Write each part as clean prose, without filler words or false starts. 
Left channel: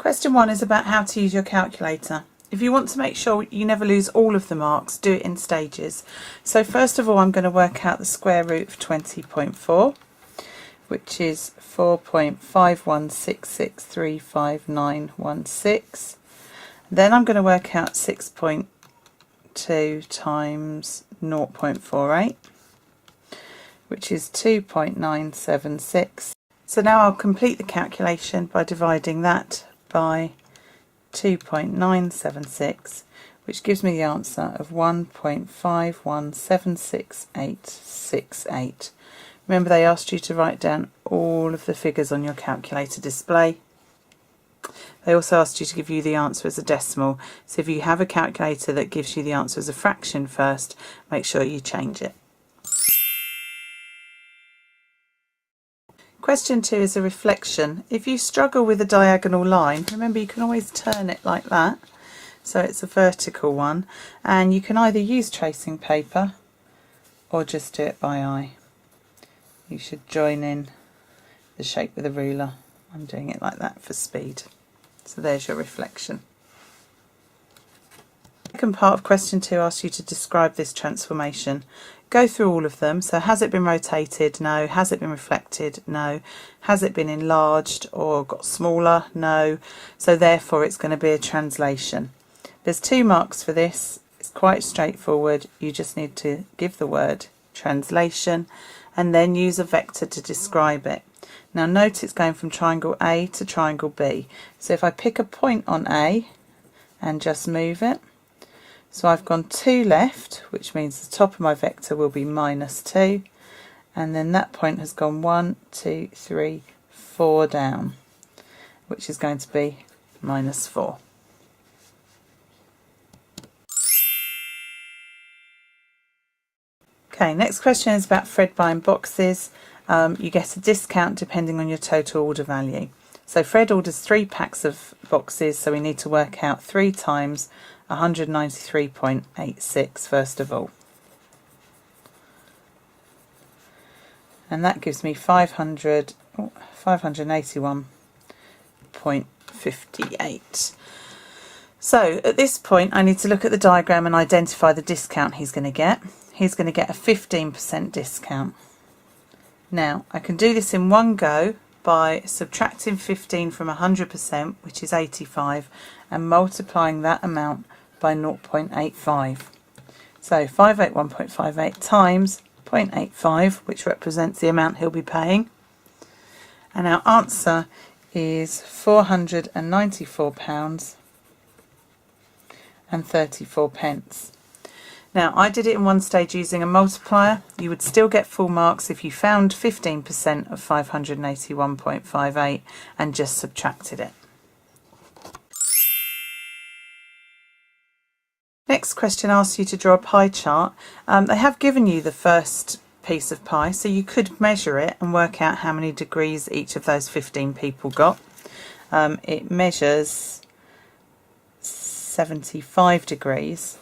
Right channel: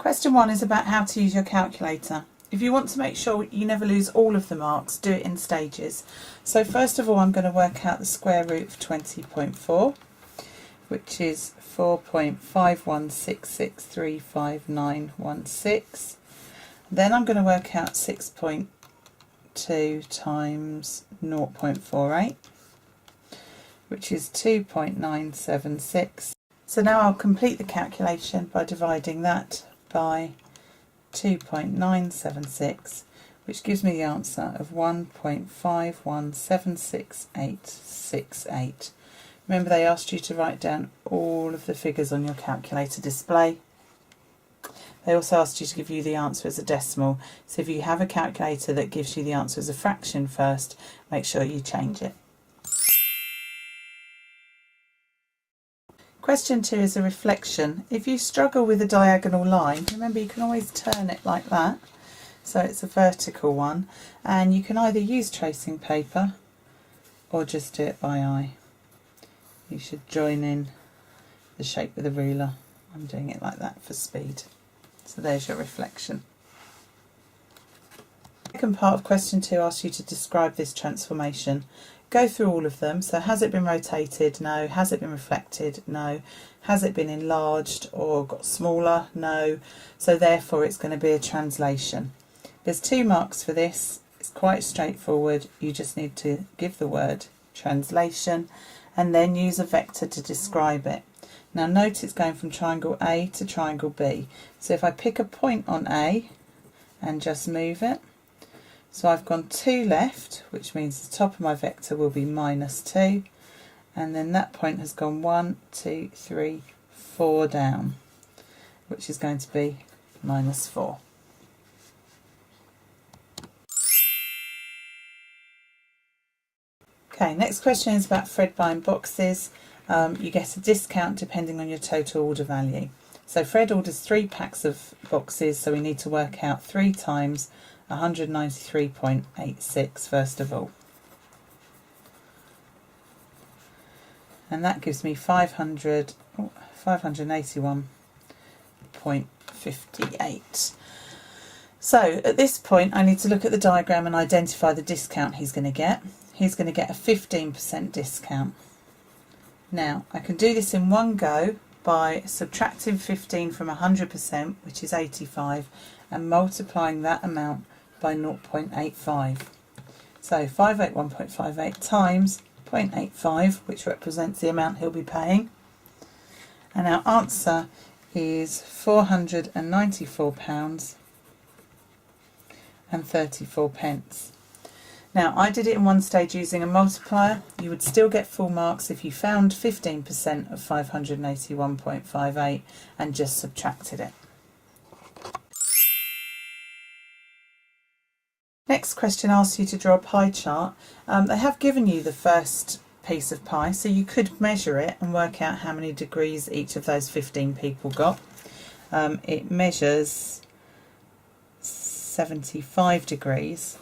Question 1 is about how to use your calculator. If you want to make sure you never lose all of the marks, do it in stages. So first of all, I'm going to work out the square root of 20.4, which is 4.516635916. Then I'm going to work out 6.2 times 0.48, which is 2.976. So now I'll complete the calculation by dividing that by 2.976, which gives me the answer of 1.51766868. Remember, they asked you to write down all of the figures on your calculator display. They also asked you to give you the answer as a decimal, so if you have a calculator that gives you the answer as a fraction first, make sure you change it. Question 2 is a reflection. If you struggle with a diagonal line, remember you can always turn it like that, so it's a vertical one, and you can either use tracing paper or just do it by eye. You should join in the shape with a ruler. I'm doing it like that for speed. So there's your reflection. The second part of question 2 asks you to describe this transformation. Go through all of them. So has it been rotated? No. Has it been reflected? No. Has it been enlarged or got smaller? No. So therefore it's going to be a translation. There's 2 marks for this. It's quite straightforward. You just need to give the word translation and then use a vector to describe it. Now note it's going from triangle A to triangle B. So if I pick a point on A and just move it, so I've gone 2 left, which means the top of my vector will be -2, and then that point has gone 1, 2, 3, 4 down, which is going to be -4. Okay, next question is about Fred buying boxes. You get a discount depending on your total order value. So Fred orders 3 packs of boxes, so we need to work out 3 times 193.86 first of all. And that gives me 581.58. So at this point I need to look at the diagram and identify the discount he's going to get. He's going to get a 15% discount. Now I can do this in one go by subtracting 15 from 100%, which is 85, and multiplying that amount by 0.85. So 581.58 times 0.85, which represents the amount he'll be paying. And our answer is £494.34. Now I did it in one stage using a multiplier. You would still get full marks if you found 15% of 581.58 and just subtracted it. Next question asks you to draw a pie chart. They have given you the first piece of pie, so you could measure it and work out how many degrees each of those 15 people got. It measures 75 degrees,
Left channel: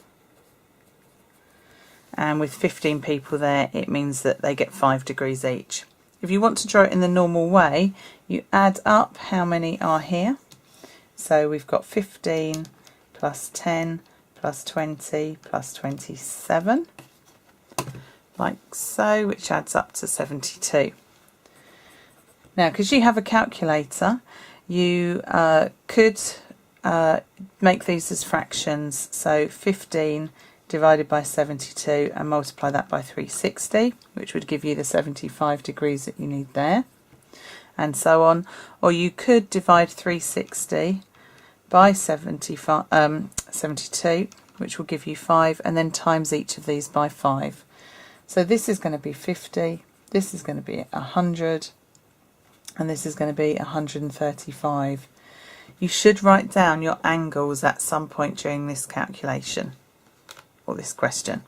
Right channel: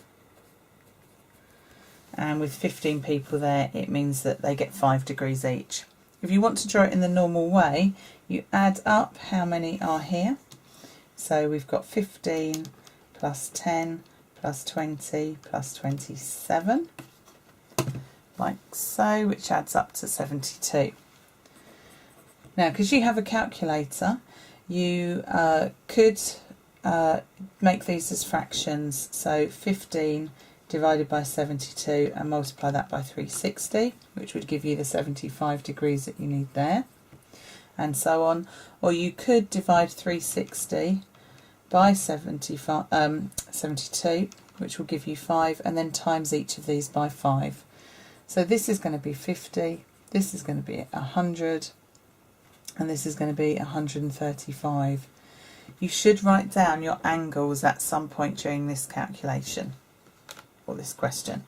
and with 15 people there it means that they get 5 degrees each. If you want to draw it in the normal way, you add up how many are here. So we've got 15 plus 10 plus 20 plus 27, like so, which adds up to 72. Now, because you have a calculator, you could make these as fractions. So 15 divided by 72 and multiply that by 360, which would give you the 75 degrees that you need there, and so on. Or you could divide 360 by 72, which will give you 5, and then times each of these by 5. So this is going to be 50, this is going to be 100, and this is going to be 135. You should write down your angles at some point during this calculation or this question.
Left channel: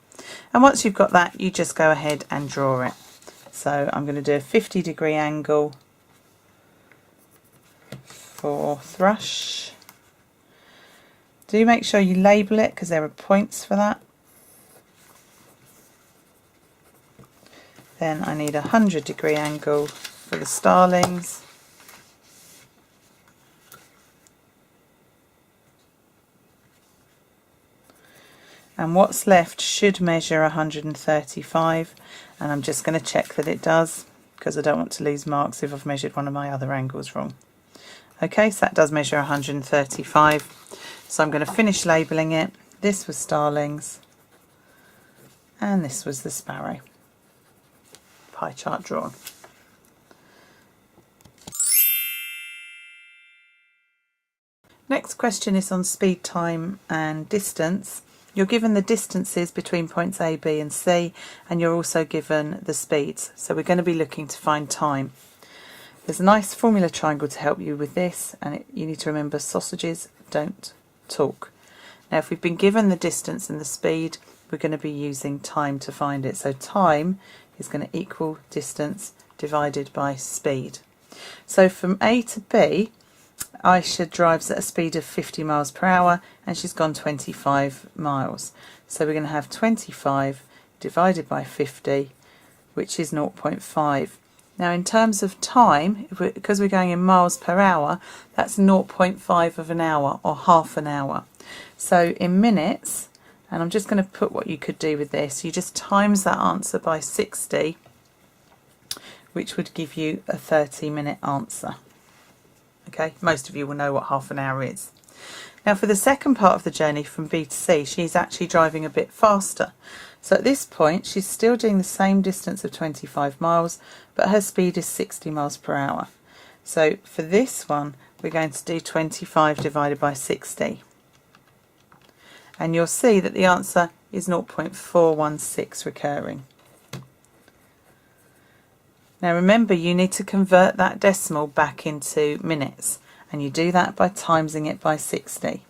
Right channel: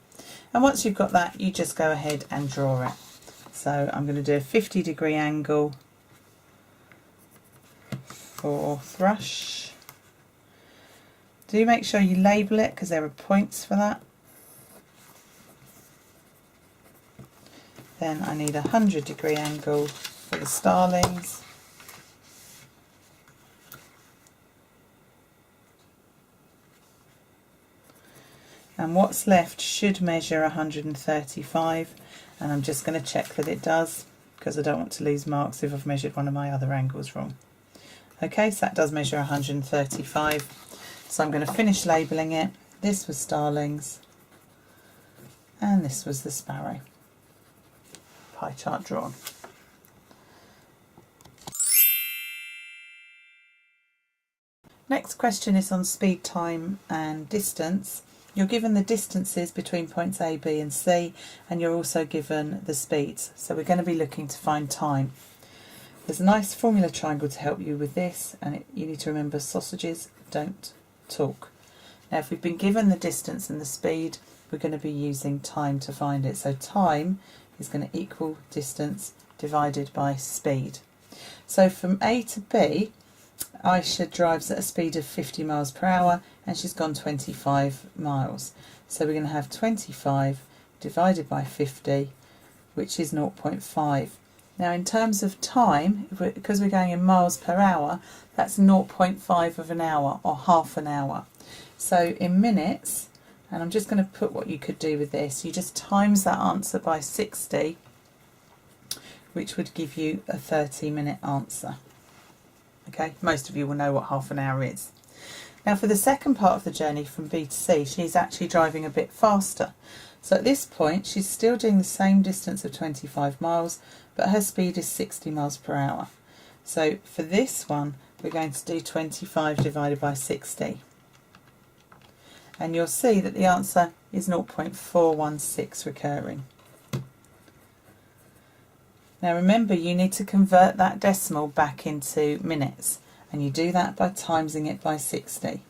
And once you've got that, you just go ahead and draw it. So I'm going to do a 50-degree angle for thrush. Do make sure you label it because there are points for that. Then I need a 100-degree angle for the starlings. and what's left should measure 135, and I'm just going to check that it does because I don't want to lose marks if I've measured one of my other angles wrong. Okay, so that does measure 135, so I'm going to finish labelling it. This was starlings and this was the sparrow. Pie chart drawn. Next question is on speed, time and distance. You're given the distances between points A, B and C, and you're also given the speeds. So we're going to be looking to find time. There's a nice formula triangle to help you with this, and you need to remember sausages don't talk. Now if we've been given the distance and the speed, we're going to be using time to find it. So time is going to equal distance divided by speed. So from A to B, Aisha drives at a speed of 50 miles per hour and she's gone 25 miles. So we're going to have 25 divided by 50, which is 0.5. Now in terms of time, because we're going in miles per hour, that's 0.5 of an hour or half an hour. So in minutes, and I'm just going to put what you could do with this, you just times that answer by 60, which would give you a 30-minute answer. Okay, most of you will know what half an hour is. Now for the second part of the journey from B to C, she's actually driving a bit faster. So at this point, she's still doing the same distance of 25 miles, but her speed is 60 miles per hour. So for this one, we're going to do 25 divided by 60. And you'll see that the answer is 0.416 recurring. Now remember, you need to convert that decimal back into minutes, and you do that by timesing it by 60.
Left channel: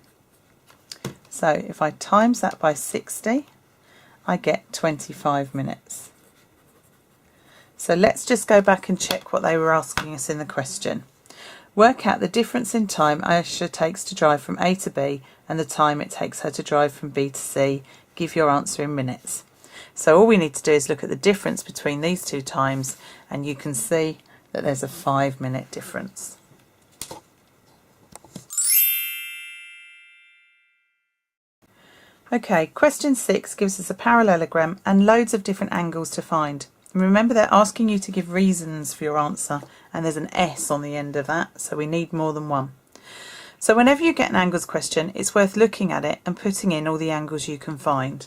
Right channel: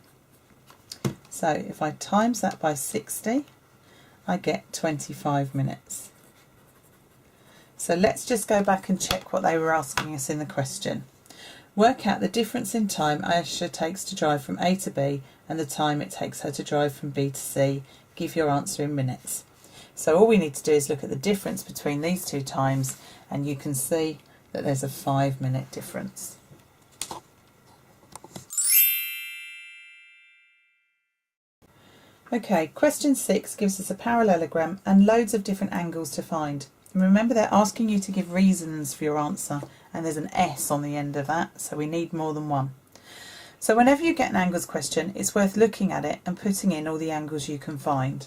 So if I times that by 60, I get 25 minutes. So let's just go back and check what they were asking us in the question. Work out the difference in time Aisha takes to drive from A to B and the time it takes her to drive from B to C. Give your answer in minutes. So all we need to do is look at the difference between these two times, and you can see that there's a 5-minute difference. Okay, question 6 gives us a parallelogram and loads of different angles to find. And remember, they're asking you to give reasons for your answer, and there's an S on the end of that, so we need more than one. So whenever you get an angles question, it's worth looking at it and putting in all the angles you can find.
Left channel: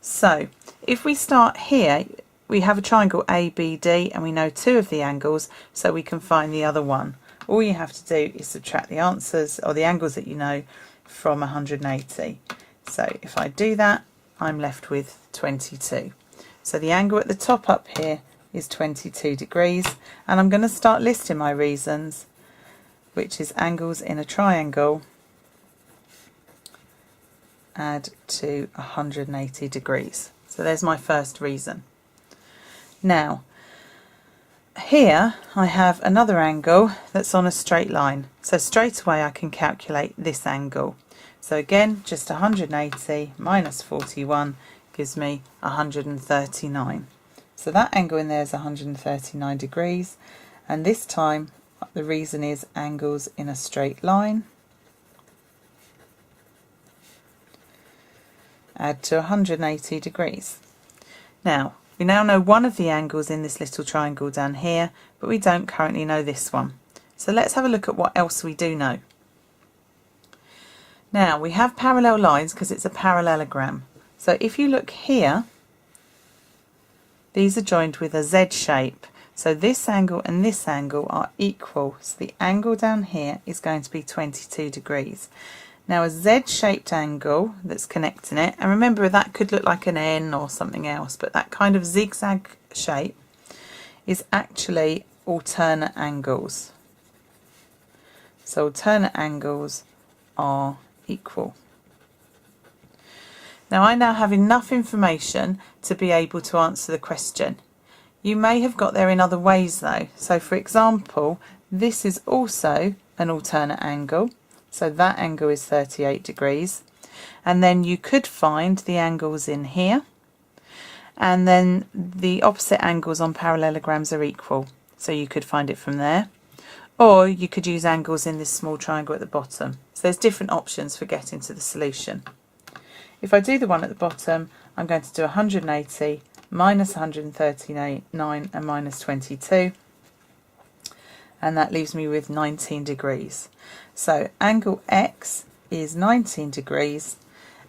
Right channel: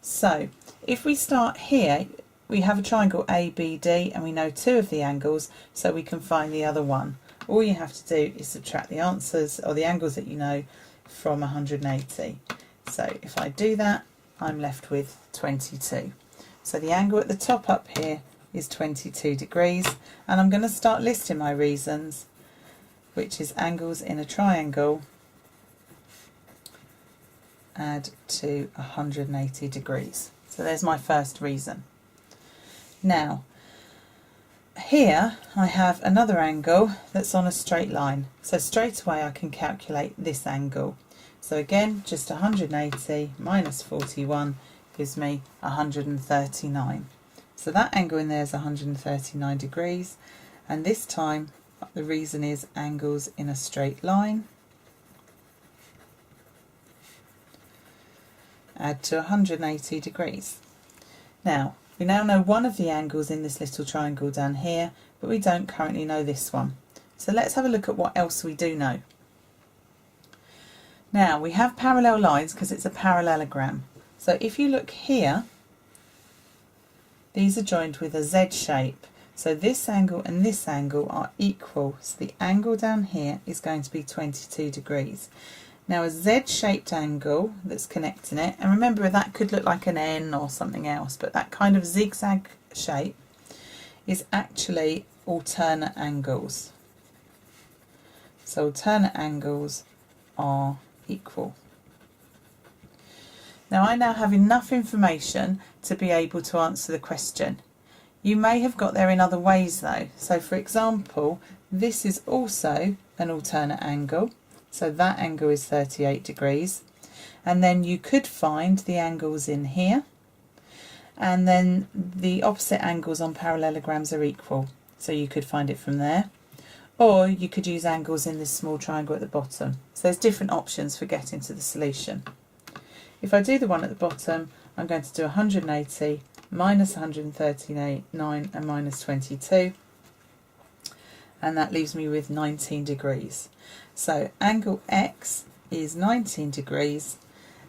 So if we start here, we have a triangle ABD and we know 2 of the angles, so we can find the other one. All you have to do is subtract the answers or the angles that you know from 180. So if I do that, I'm left with 22. So the angle at the top up here is 22 degrees, and I'm going to start listing my reasons, which is angles in a triangle add to 180 degrees. So there's my first reason. Now here I have another angle that's on a straight line, so straight away I can calculate this angle. So again, just 180 minus 41 gives me 139. So that angle in there is 139 degrees, and this time the reason is angles in a straight line add to 180 degrees. Now, we now know one of the angles in this little triangle down here, but we don't currently know this one. So let's have a look at what else we do know. Now, we have parallel lines because it's a parallelogram. So if you look here, these are joined with a Z shape. So this angle and this angle are equal. So the angle down here is going to be 22 degrees. Now a Z-shaped angle that's connecting it, and remember that could look like an N or something else, but that kind of zigzag shape is actually alternate angles. So alternate angles are equal. Now I now have enough information to be able to answer the question. You may have got there in other ways though. So for example, this is also an alternate angle. So that angle is 38 degrees. And then you could find the angles in here. And then the opposite angles on parallelograms are equal. So you could find it from there. Or you could use angles in this small triangle at the bottom. So there's different options for getting to the solution. If I do the one at the bottom, I'm going to do 180 minus 139 and minus 22, and that leaves me with 19 degrees. So angle X is 19 degrees,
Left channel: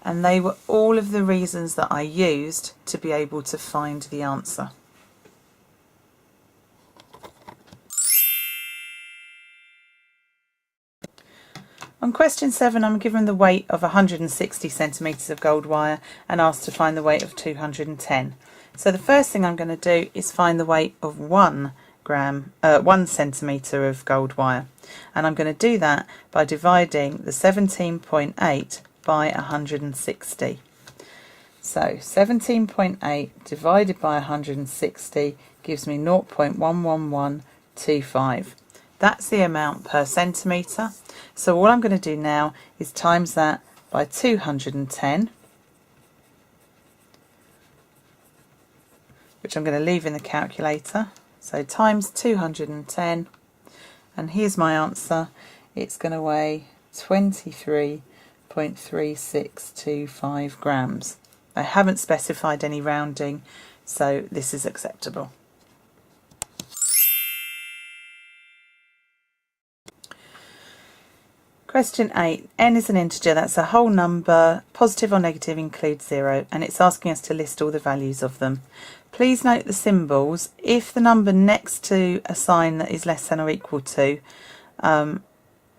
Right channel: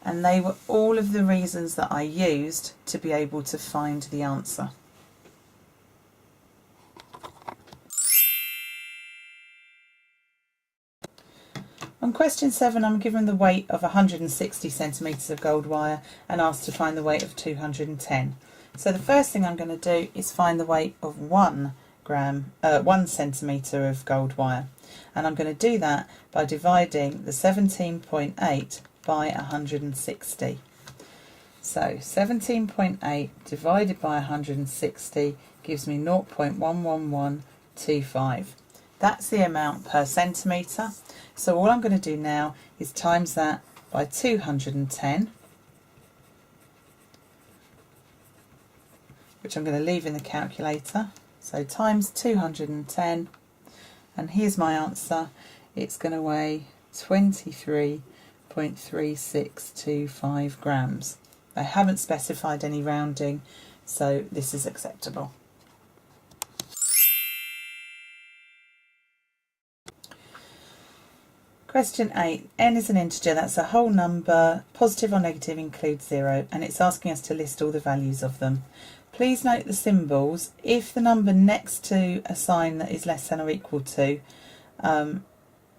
and they were all of the reasons that I used to be able to find the answer. On question 7, I'm given the weight of 160 centimetres of gold wire and asked to find the weight of 210. So the first thing I'm going to do is find the weight of 1 centimetre of gold wire, and I'm going to do that by dividing the 17.8 by 160. So 17.8 divided by 160 gives me 0.11125. That's the amount per centimetre. So all I'm going to do now is times that by 210, which I'm going to leave in the calculator. So times 210, and here's my answer. It's going to weigh 23.3625 grams. I haven't specified any rounding, so this is acceptable. Question 8. N is an integer, that's a whole number, positive or negative includes 0, and it's asking us to list all the values of them. Please note the symbols. If the number next to a sign that is less than or equal to, and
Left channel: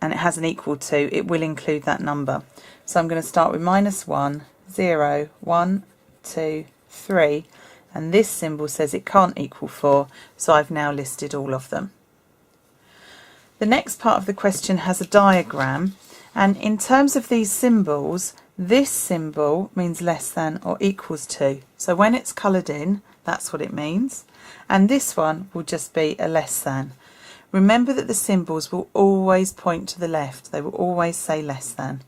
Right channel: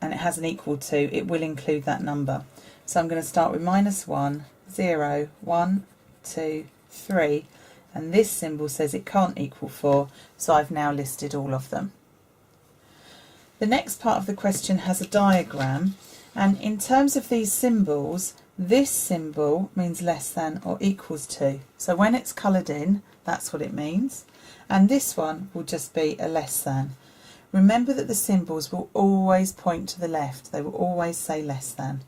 it has an equal to, it will include that number. So I'm going to start with -1, 0, 1, 2, 3, and this symbol says it can't equal 4, so I've now listed all of them. The next part of the question has a diagram, and in terms of these symbols, this symbol means less than or equals to. So when it's coloured in, that's what it means. And this one will just be a less than. Remember that the symbols will always point to the left. They will always say less than.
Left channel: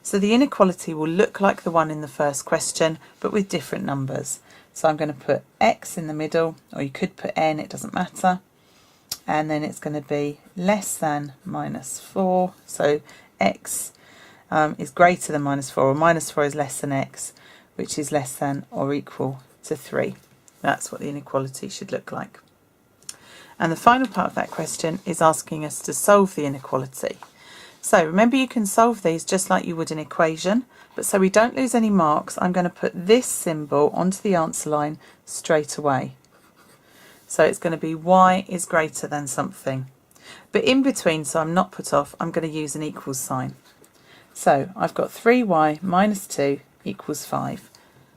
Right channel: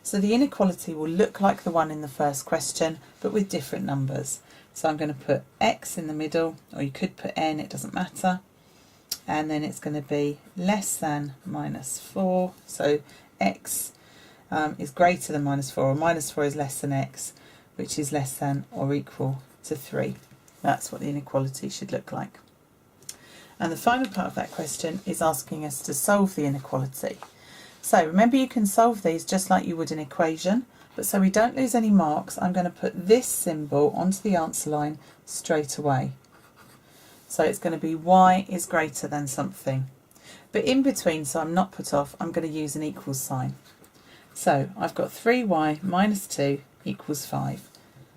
So the inequality will look like the one in the first question, but with different numbers. So I'm going to put X in the middle, or you could put N, it doesn't matter. And then it's going to be less than -4. So X is greater than -4, or -4 is less than X, which is less than or equal to 3. That's what the inequality should look like. And the final part of that question is asking us to solve the inequality. So remember, you can solve these just like you would an equation, but so we don't lose any marks, I'm going to put this symbol onto the answer line straight away. So it's going to be y is greater than something. But in between, so I'm not put off, I'm going to use an equals sign. So I've got 3y minus 2 equals 5.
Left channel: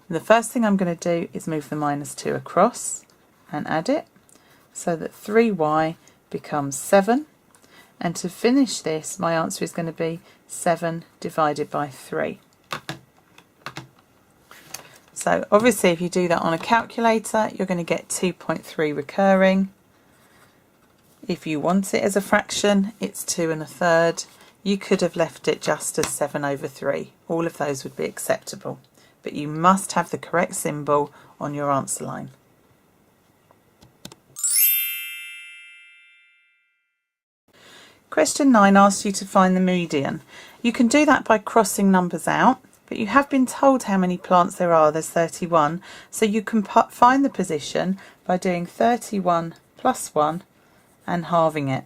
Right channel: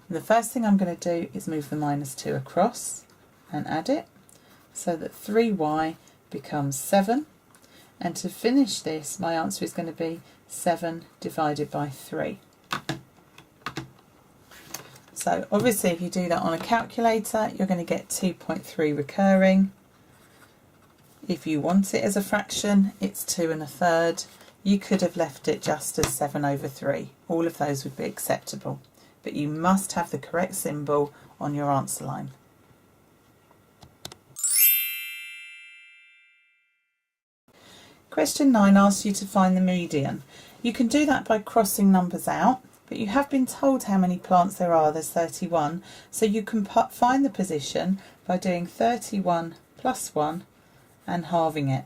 And the first thing I'm going to do is move the -2 across and add it, so that 3y becomes 7. And to finish this, my answer is going to be 7 divided by 3. So obviously if you do that on a calculator, you're going to get 2.3 recurring. If you want it as a fraction, it's 2 1/3. You could have left it just as 7/3. All of those would be acceptable. But you must have the correct symbol on your answer line. Question 9 asks you to find the median. You can do that by crossing numbers out, but you have been told how many plants there are. There's 31, so you can find the position by doing 31 plus 1 and halving it.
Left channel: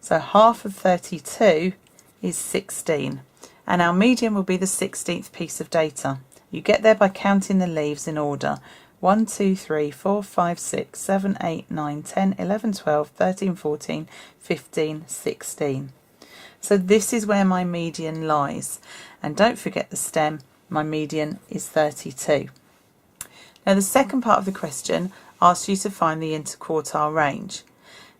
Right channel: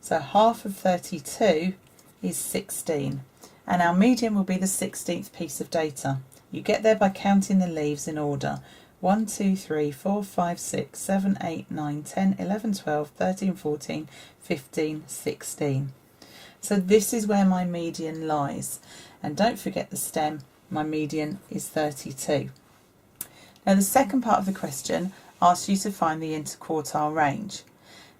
So half of 32 is 16, and our median will be the 16th piece of data. You get there by counting the leaves in order. 1, 2, 3, 4, 5, 6, 7, 8, 9, 10, 11, 12, 13, 14, 15, 16. So this is where my median lies. And don't forget the stem, my median is 32. Now the second part of the question asks you to find the interquartile range.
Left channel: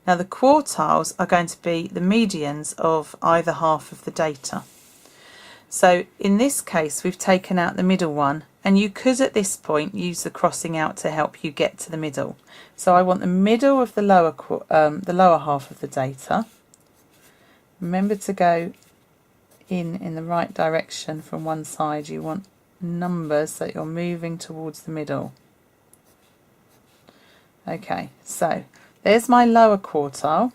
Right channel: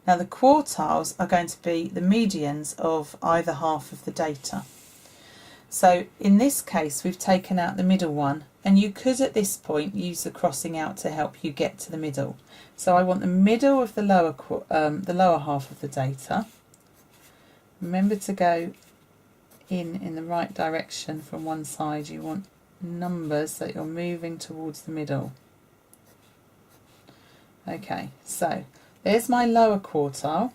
Now the quartiles are going to be the medians of either half of the data. So in this case we've taken out the middle one, and you could at this point use the crossing out to help you get to the middle. So I want the middle of the lower half of the data. Remember to go in the right direction from one side. You want numbers that you're moving towards the middle. Okay, so there's my lower quartile,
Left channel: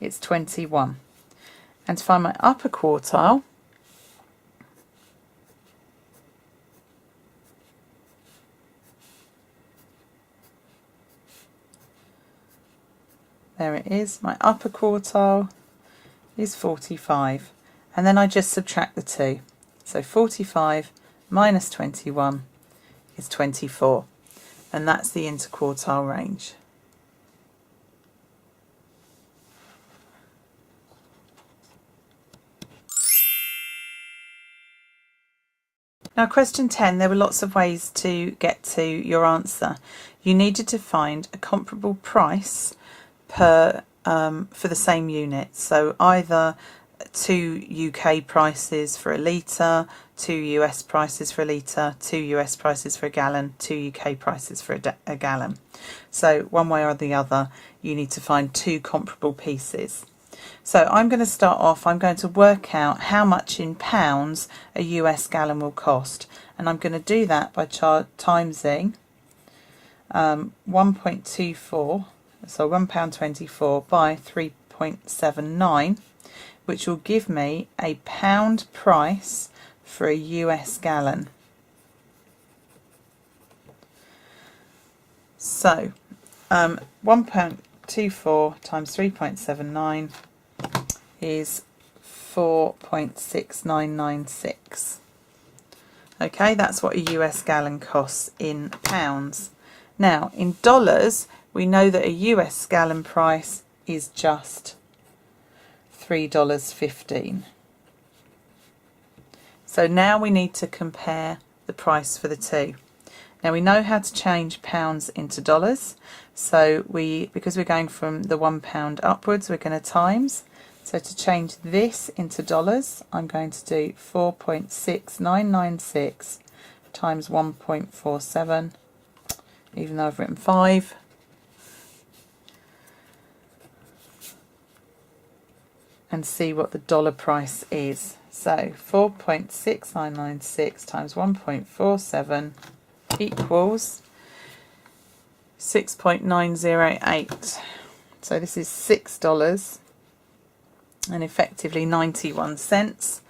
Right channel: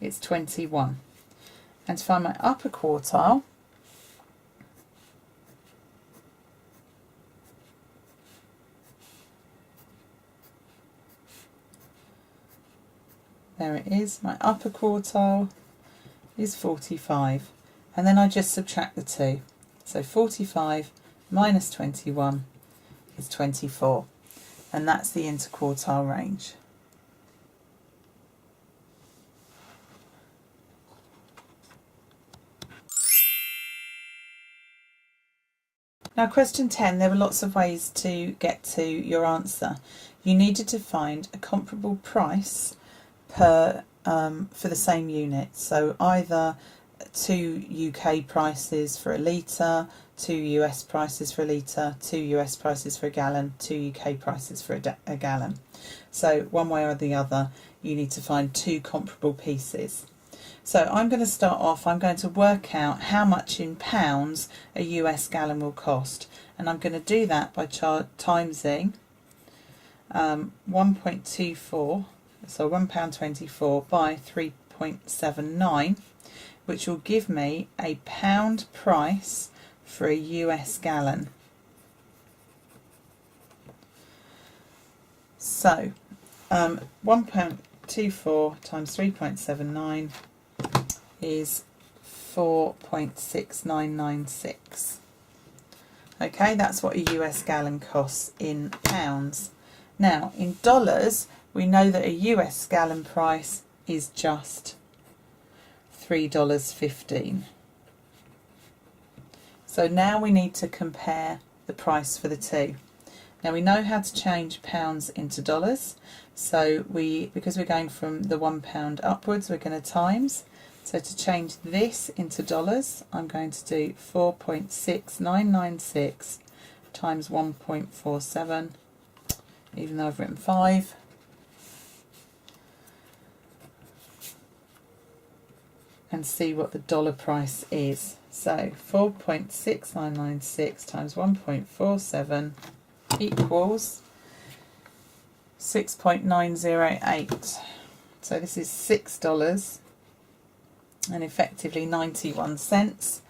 it's 21. And to find my upper quartile, there it is. My upper quartile is 45, and then I just subtract the 2. So 45 minus 21 is 24, and that's the interquartile range. Now question 10, there were lots of ways to get to your answer. You needed to find a comparable price per for the same unit. So either 2 UK prices for a litre, 2 US prices for a litre, 2 US prices for a gallon, 2 UK prices for a gallon. So one way or the other, you need to find 2 comparable pieces. So I'm going to start off, I'm going to work out how much in pounds a US gallon will cost. And I'm going to do that by timesing 1.24, so £1.24 by 3.79, which will give me a pound price for a US gallon. So £1.24 times 3.79 is 4.6996. Okay, that's what a US gallon costs in pounds. Now, in dollars, we know that a US gallon price is just $3.15. So now we need to compare the price for the two. Now we know how to change pounds into dollars. So because we're going from the £1 upwards, we're going to times. So to change this into dollars, I'm going to do 4.6996 times 1.47, even though I've written 5. And see what the dollar price is. So 4.6996 times 1.47 equals 6.908. So this is $6 and effectively 91 cents.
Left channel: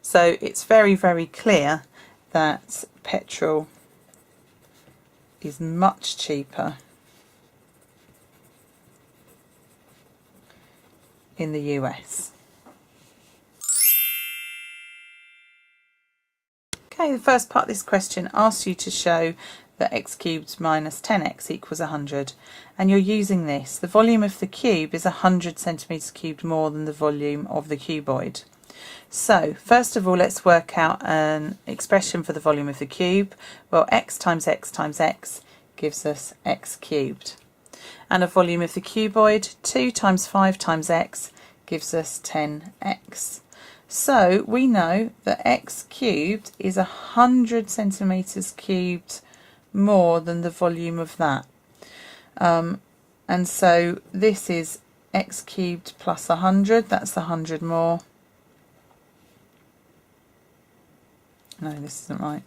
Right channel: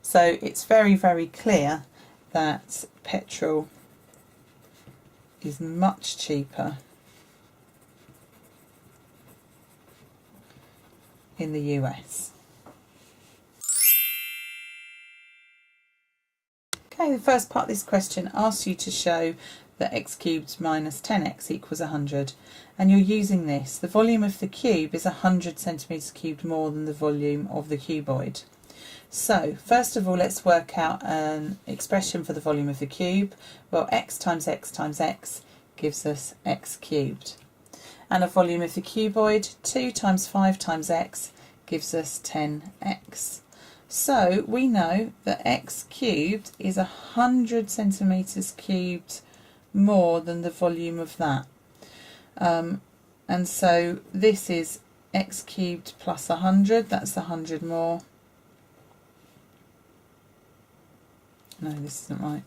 So it's very, very clear that petrol is much cheaper in the US. Okay, the first part of this question asks you to show that x cubed minus 10x equals 100, and you're using this. The volume of the cube is 100 centimetres cubed more than the volume of the cuboid. So first of all, let's work out an expression for the volume of the cube. Well, x times x times x gives us x cubed. And a volume of the cuboid, 2 times 5 times x gives us 10x. So we know that x cubed is 100 centimetres cubed more than the volume of that. And so this is x cubed plus 100, that's 100 more. No, this isn't right.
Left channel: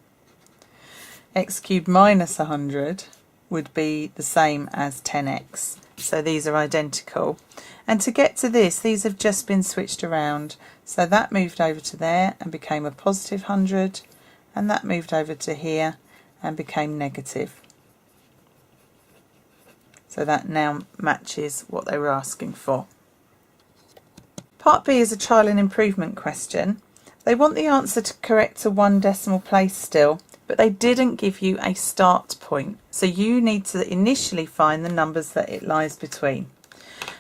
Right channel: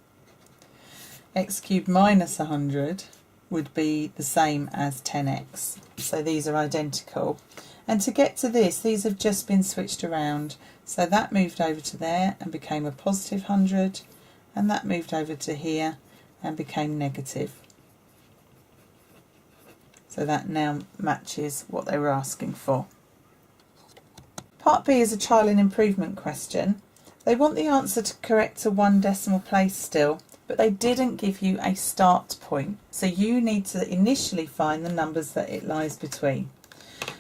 X cubed minus 100 would be the same as 10x. So these are identical. And to get to this, these have just been switched around. So that moved over to there and became a positive 100, and that moved over to here and became negative. So that now matches what they were asking for. Part B is a trial and improvement question. They want the answer to correct to 1 decimal place still, but they didn't give you a start point. So you need to initially find the numbers that it lies between.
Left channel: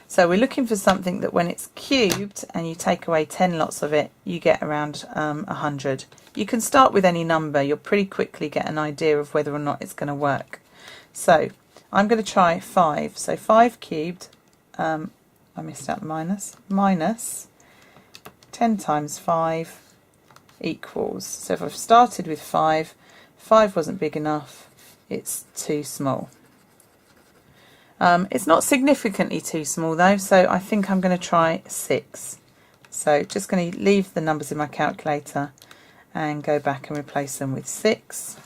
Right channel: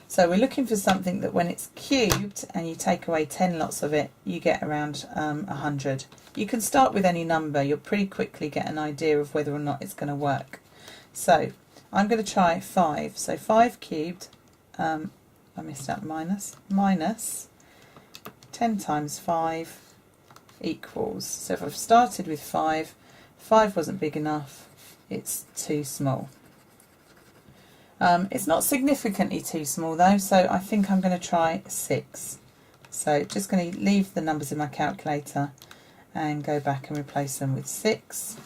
So we're looking for something that when it's cubed and you take away 10 lots of it, you get around 100. You can start with any number. You'll pretty quickly get an idea of whether or not it's going to work. So I'm going to try 5. So 5 cubed, I missed out the minus 10 times 5 equals. So if I've started with 5 wasn't big enough, it's too small. It's not significantly too small though, so I think I'm going to try 6. So just going to leave the numbers in my calculator and go back and replace them with 6.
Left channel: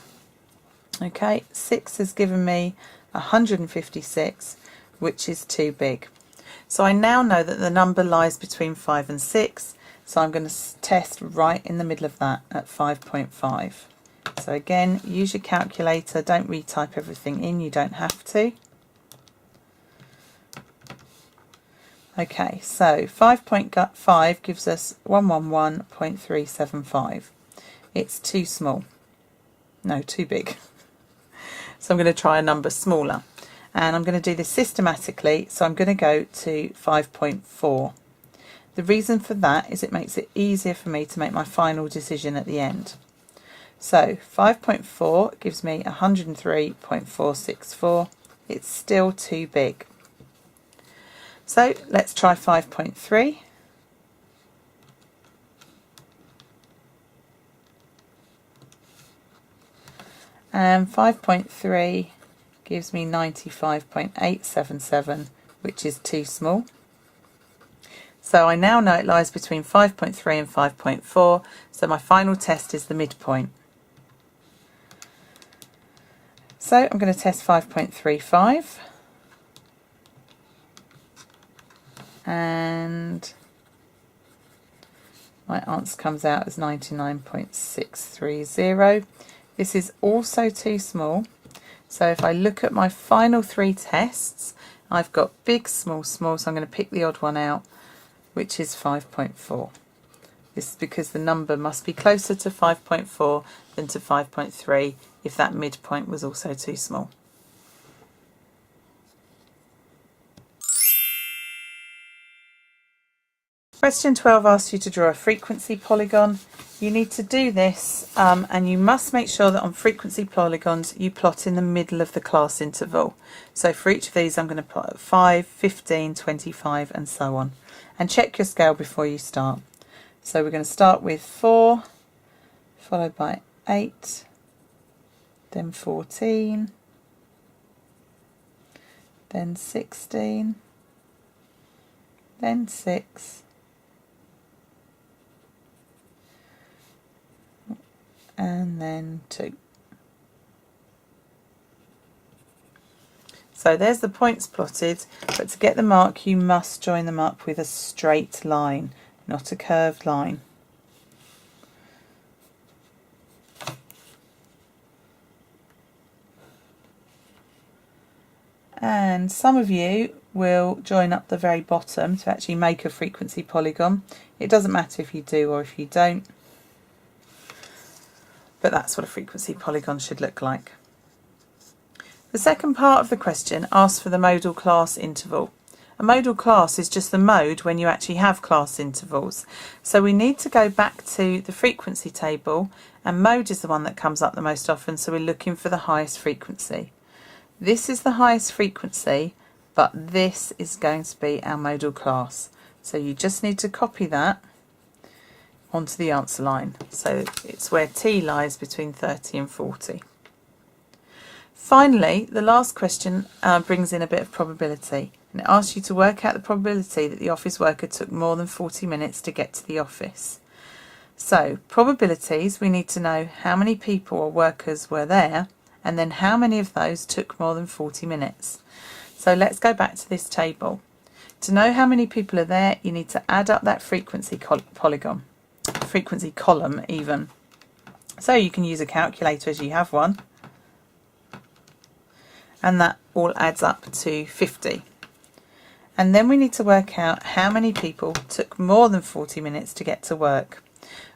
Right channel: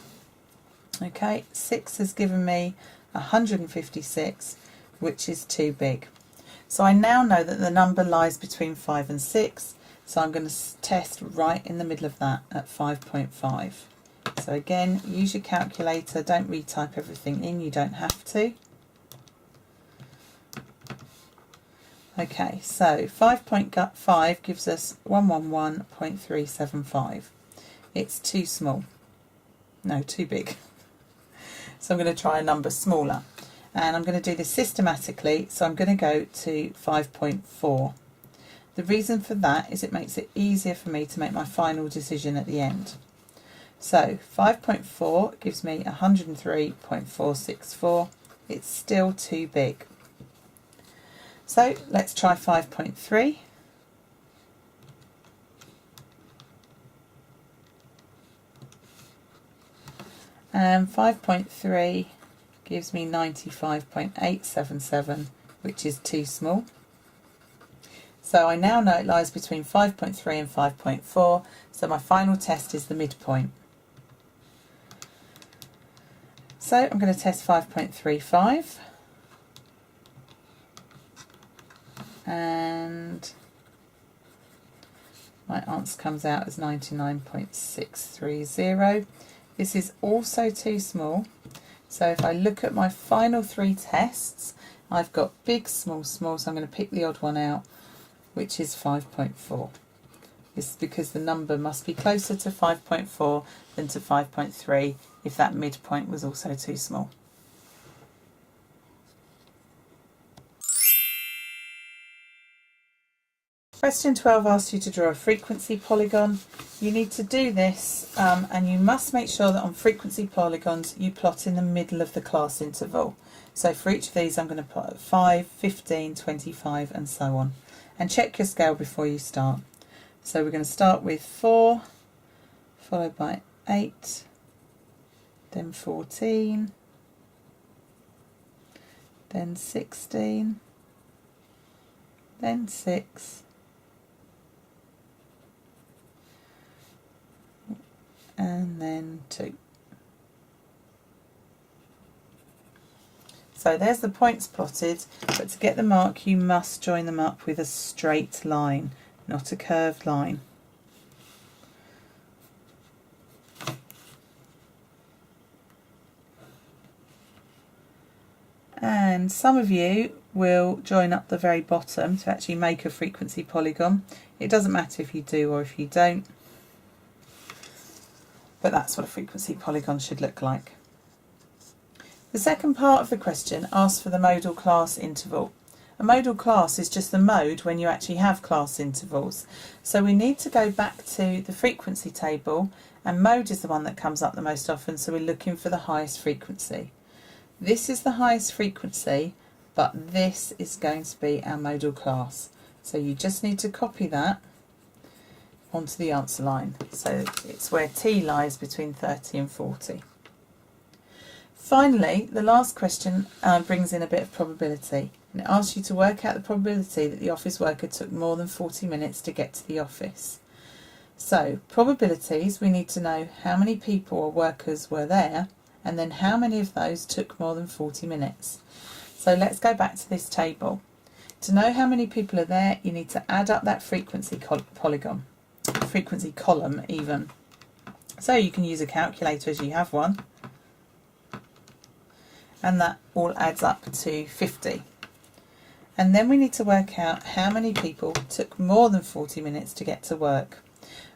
Okay, 6 has given me 156, which is too big. So I now know that the number lies between 5 and 6, so I'm going to test right in the middle of that at 5.5. So again, use your calculator, don't retype everything in, you don't have to. Okay, so 5.5 gives us 111.375. It's too small. No, too big. So I'm going to try a number smaller. And I'm going to do this systematically, so I'm going to go to 5.4. The reason for that is it makes it easier for me to make my final decision at the end. So 5.4 gives me 103.464. It's still too big. So let's try 5.3. And 5.3 gives me 95.877, which is too small. So I now know it lies between 5.3 and 5.4, so my final test is the midpoint. So I'm going to test 5.35, and my answer comes out as 99.630. This is also too small. So if I look at my final three tests, I've got big, small, small, so I'm going to pick the odd one out, which is 5.4. This is because the number must be closer to 5.4 than to 5.3 if that midpoint was also too small. Question 12 asks you to draw a frequency polygon. You need to do this and you must make sure that on frequency polygons you plot in the middle of the class interval. So for each of these I'm going to plot at 5, 15, 25 and so on. And check your scale before you start. So we're going to start with 4, followed by 8, then 14, then 16, then 6, and then 2. So there's the points plotted, but to get the mark you must join them up with a straight line, not a curved line. And some of you will join up the very bottom to actually make a frequency polygon. It doesn't matter if you do or if you don't, but that's what a frequency polygon should look like. The second part of the question asks for the modal class interval. A modal class is just the mode when you actually have class intervals. So we need to go back to the frequency table, and mode is the one that comes up the most often, so we're looking for the highest frequency. This is the highest frequency, but this is going to be our modal class. So you just need to copy that onto the answer line. So it's where T lies between 30 and 40. Finally, the last question brings in a bit of probability, and it asks you to work out the probability that the office worker took more than 40 minutes to get to the office. So probabilities, we need to know how many people or workers were there, and then how many of those took more than 40 minutes. So let's go back to this table. To know how many people are there, you need to add up that frequency polygon, frequency column even. So you can use a calculator as you have one, and that all adds up to 50. And then we need to work out how many people took more than 40 minutes to get to work.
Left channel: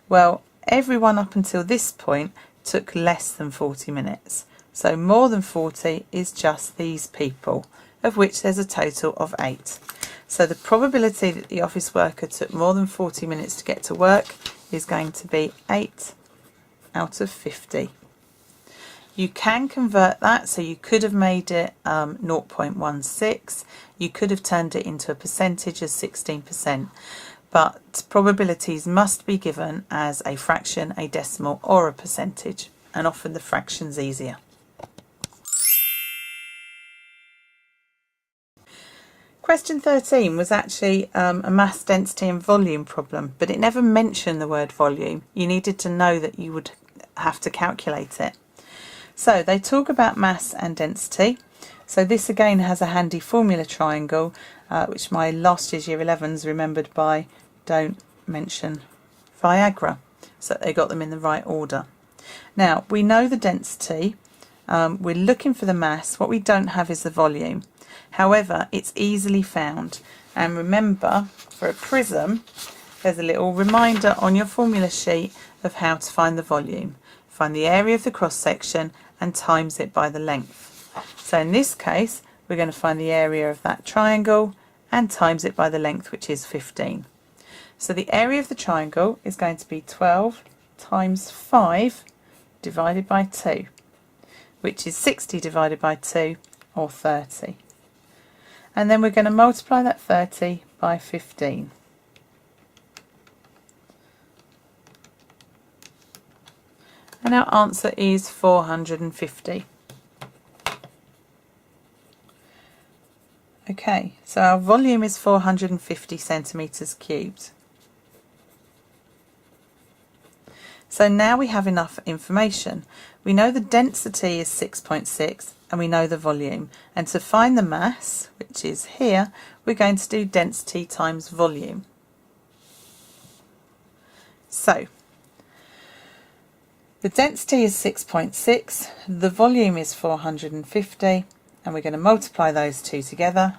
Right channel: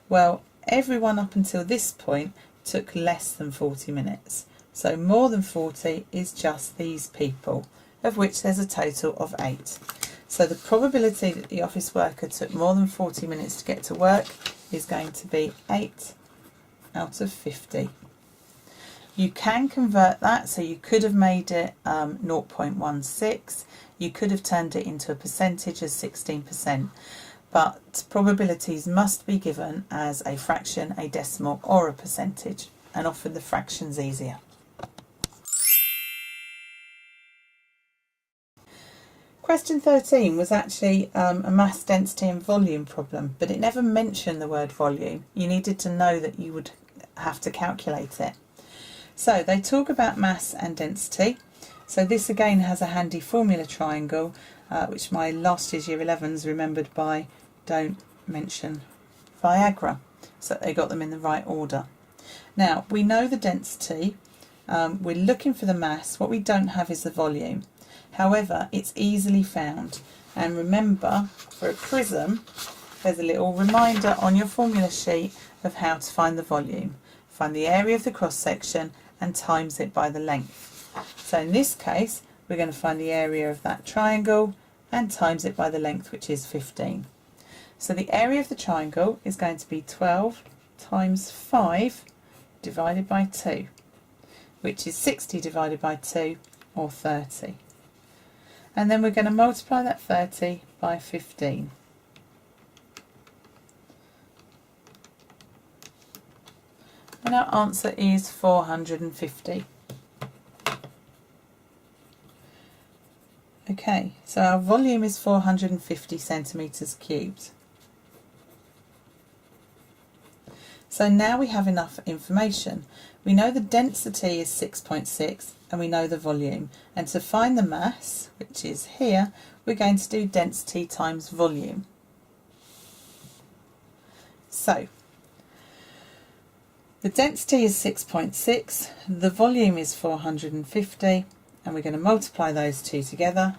Well, everyone up until this point took less than 40 minutes. So more than 40 is just these people, of which there's a total of 8. So the probability that the office worker took more than 40 minutes to get to work is going to be 8 out of 50. You can convert that, so you could have made it 0.16, you could have turned it into a percentage as 16%, but probabilities must be given as a fraction, a decimal or a percentage, and often the fraction's easier. Question 13 was actually a mass density and volume problem, but it never mentioned the word volume. You needed to know that you would have to calculate it. So they talk about mass and density. So this again has a handy formula triangle, which my last year's year 11s remembered by don't mention Viagra. So they got them in the right order. Now we know the density we're looking for the mass. What we don't have is the volume. However, it's easily found. And remember, for a prism, there's a little reminder on your formula sheet of how to find the volume. Find the area of the cross section and times it by the length. So in this case, we're going to find the area of that triangle and times it by the length, which is 15. So the area of the triangle is going to be 12 times 5 divided by 2, which is 60 divided by 2, or 30. And then we're going to multiply that 30 by 15. And our answer is 450. Okay, so our volume is 450 centimetres cubed. So now we have enough information. We know the density is 6.6 and we know the volume. And to find the mass, which is here, we're going to do density times volume. So the density is 6.6, the volume is 450, and we're going to multiply those two together,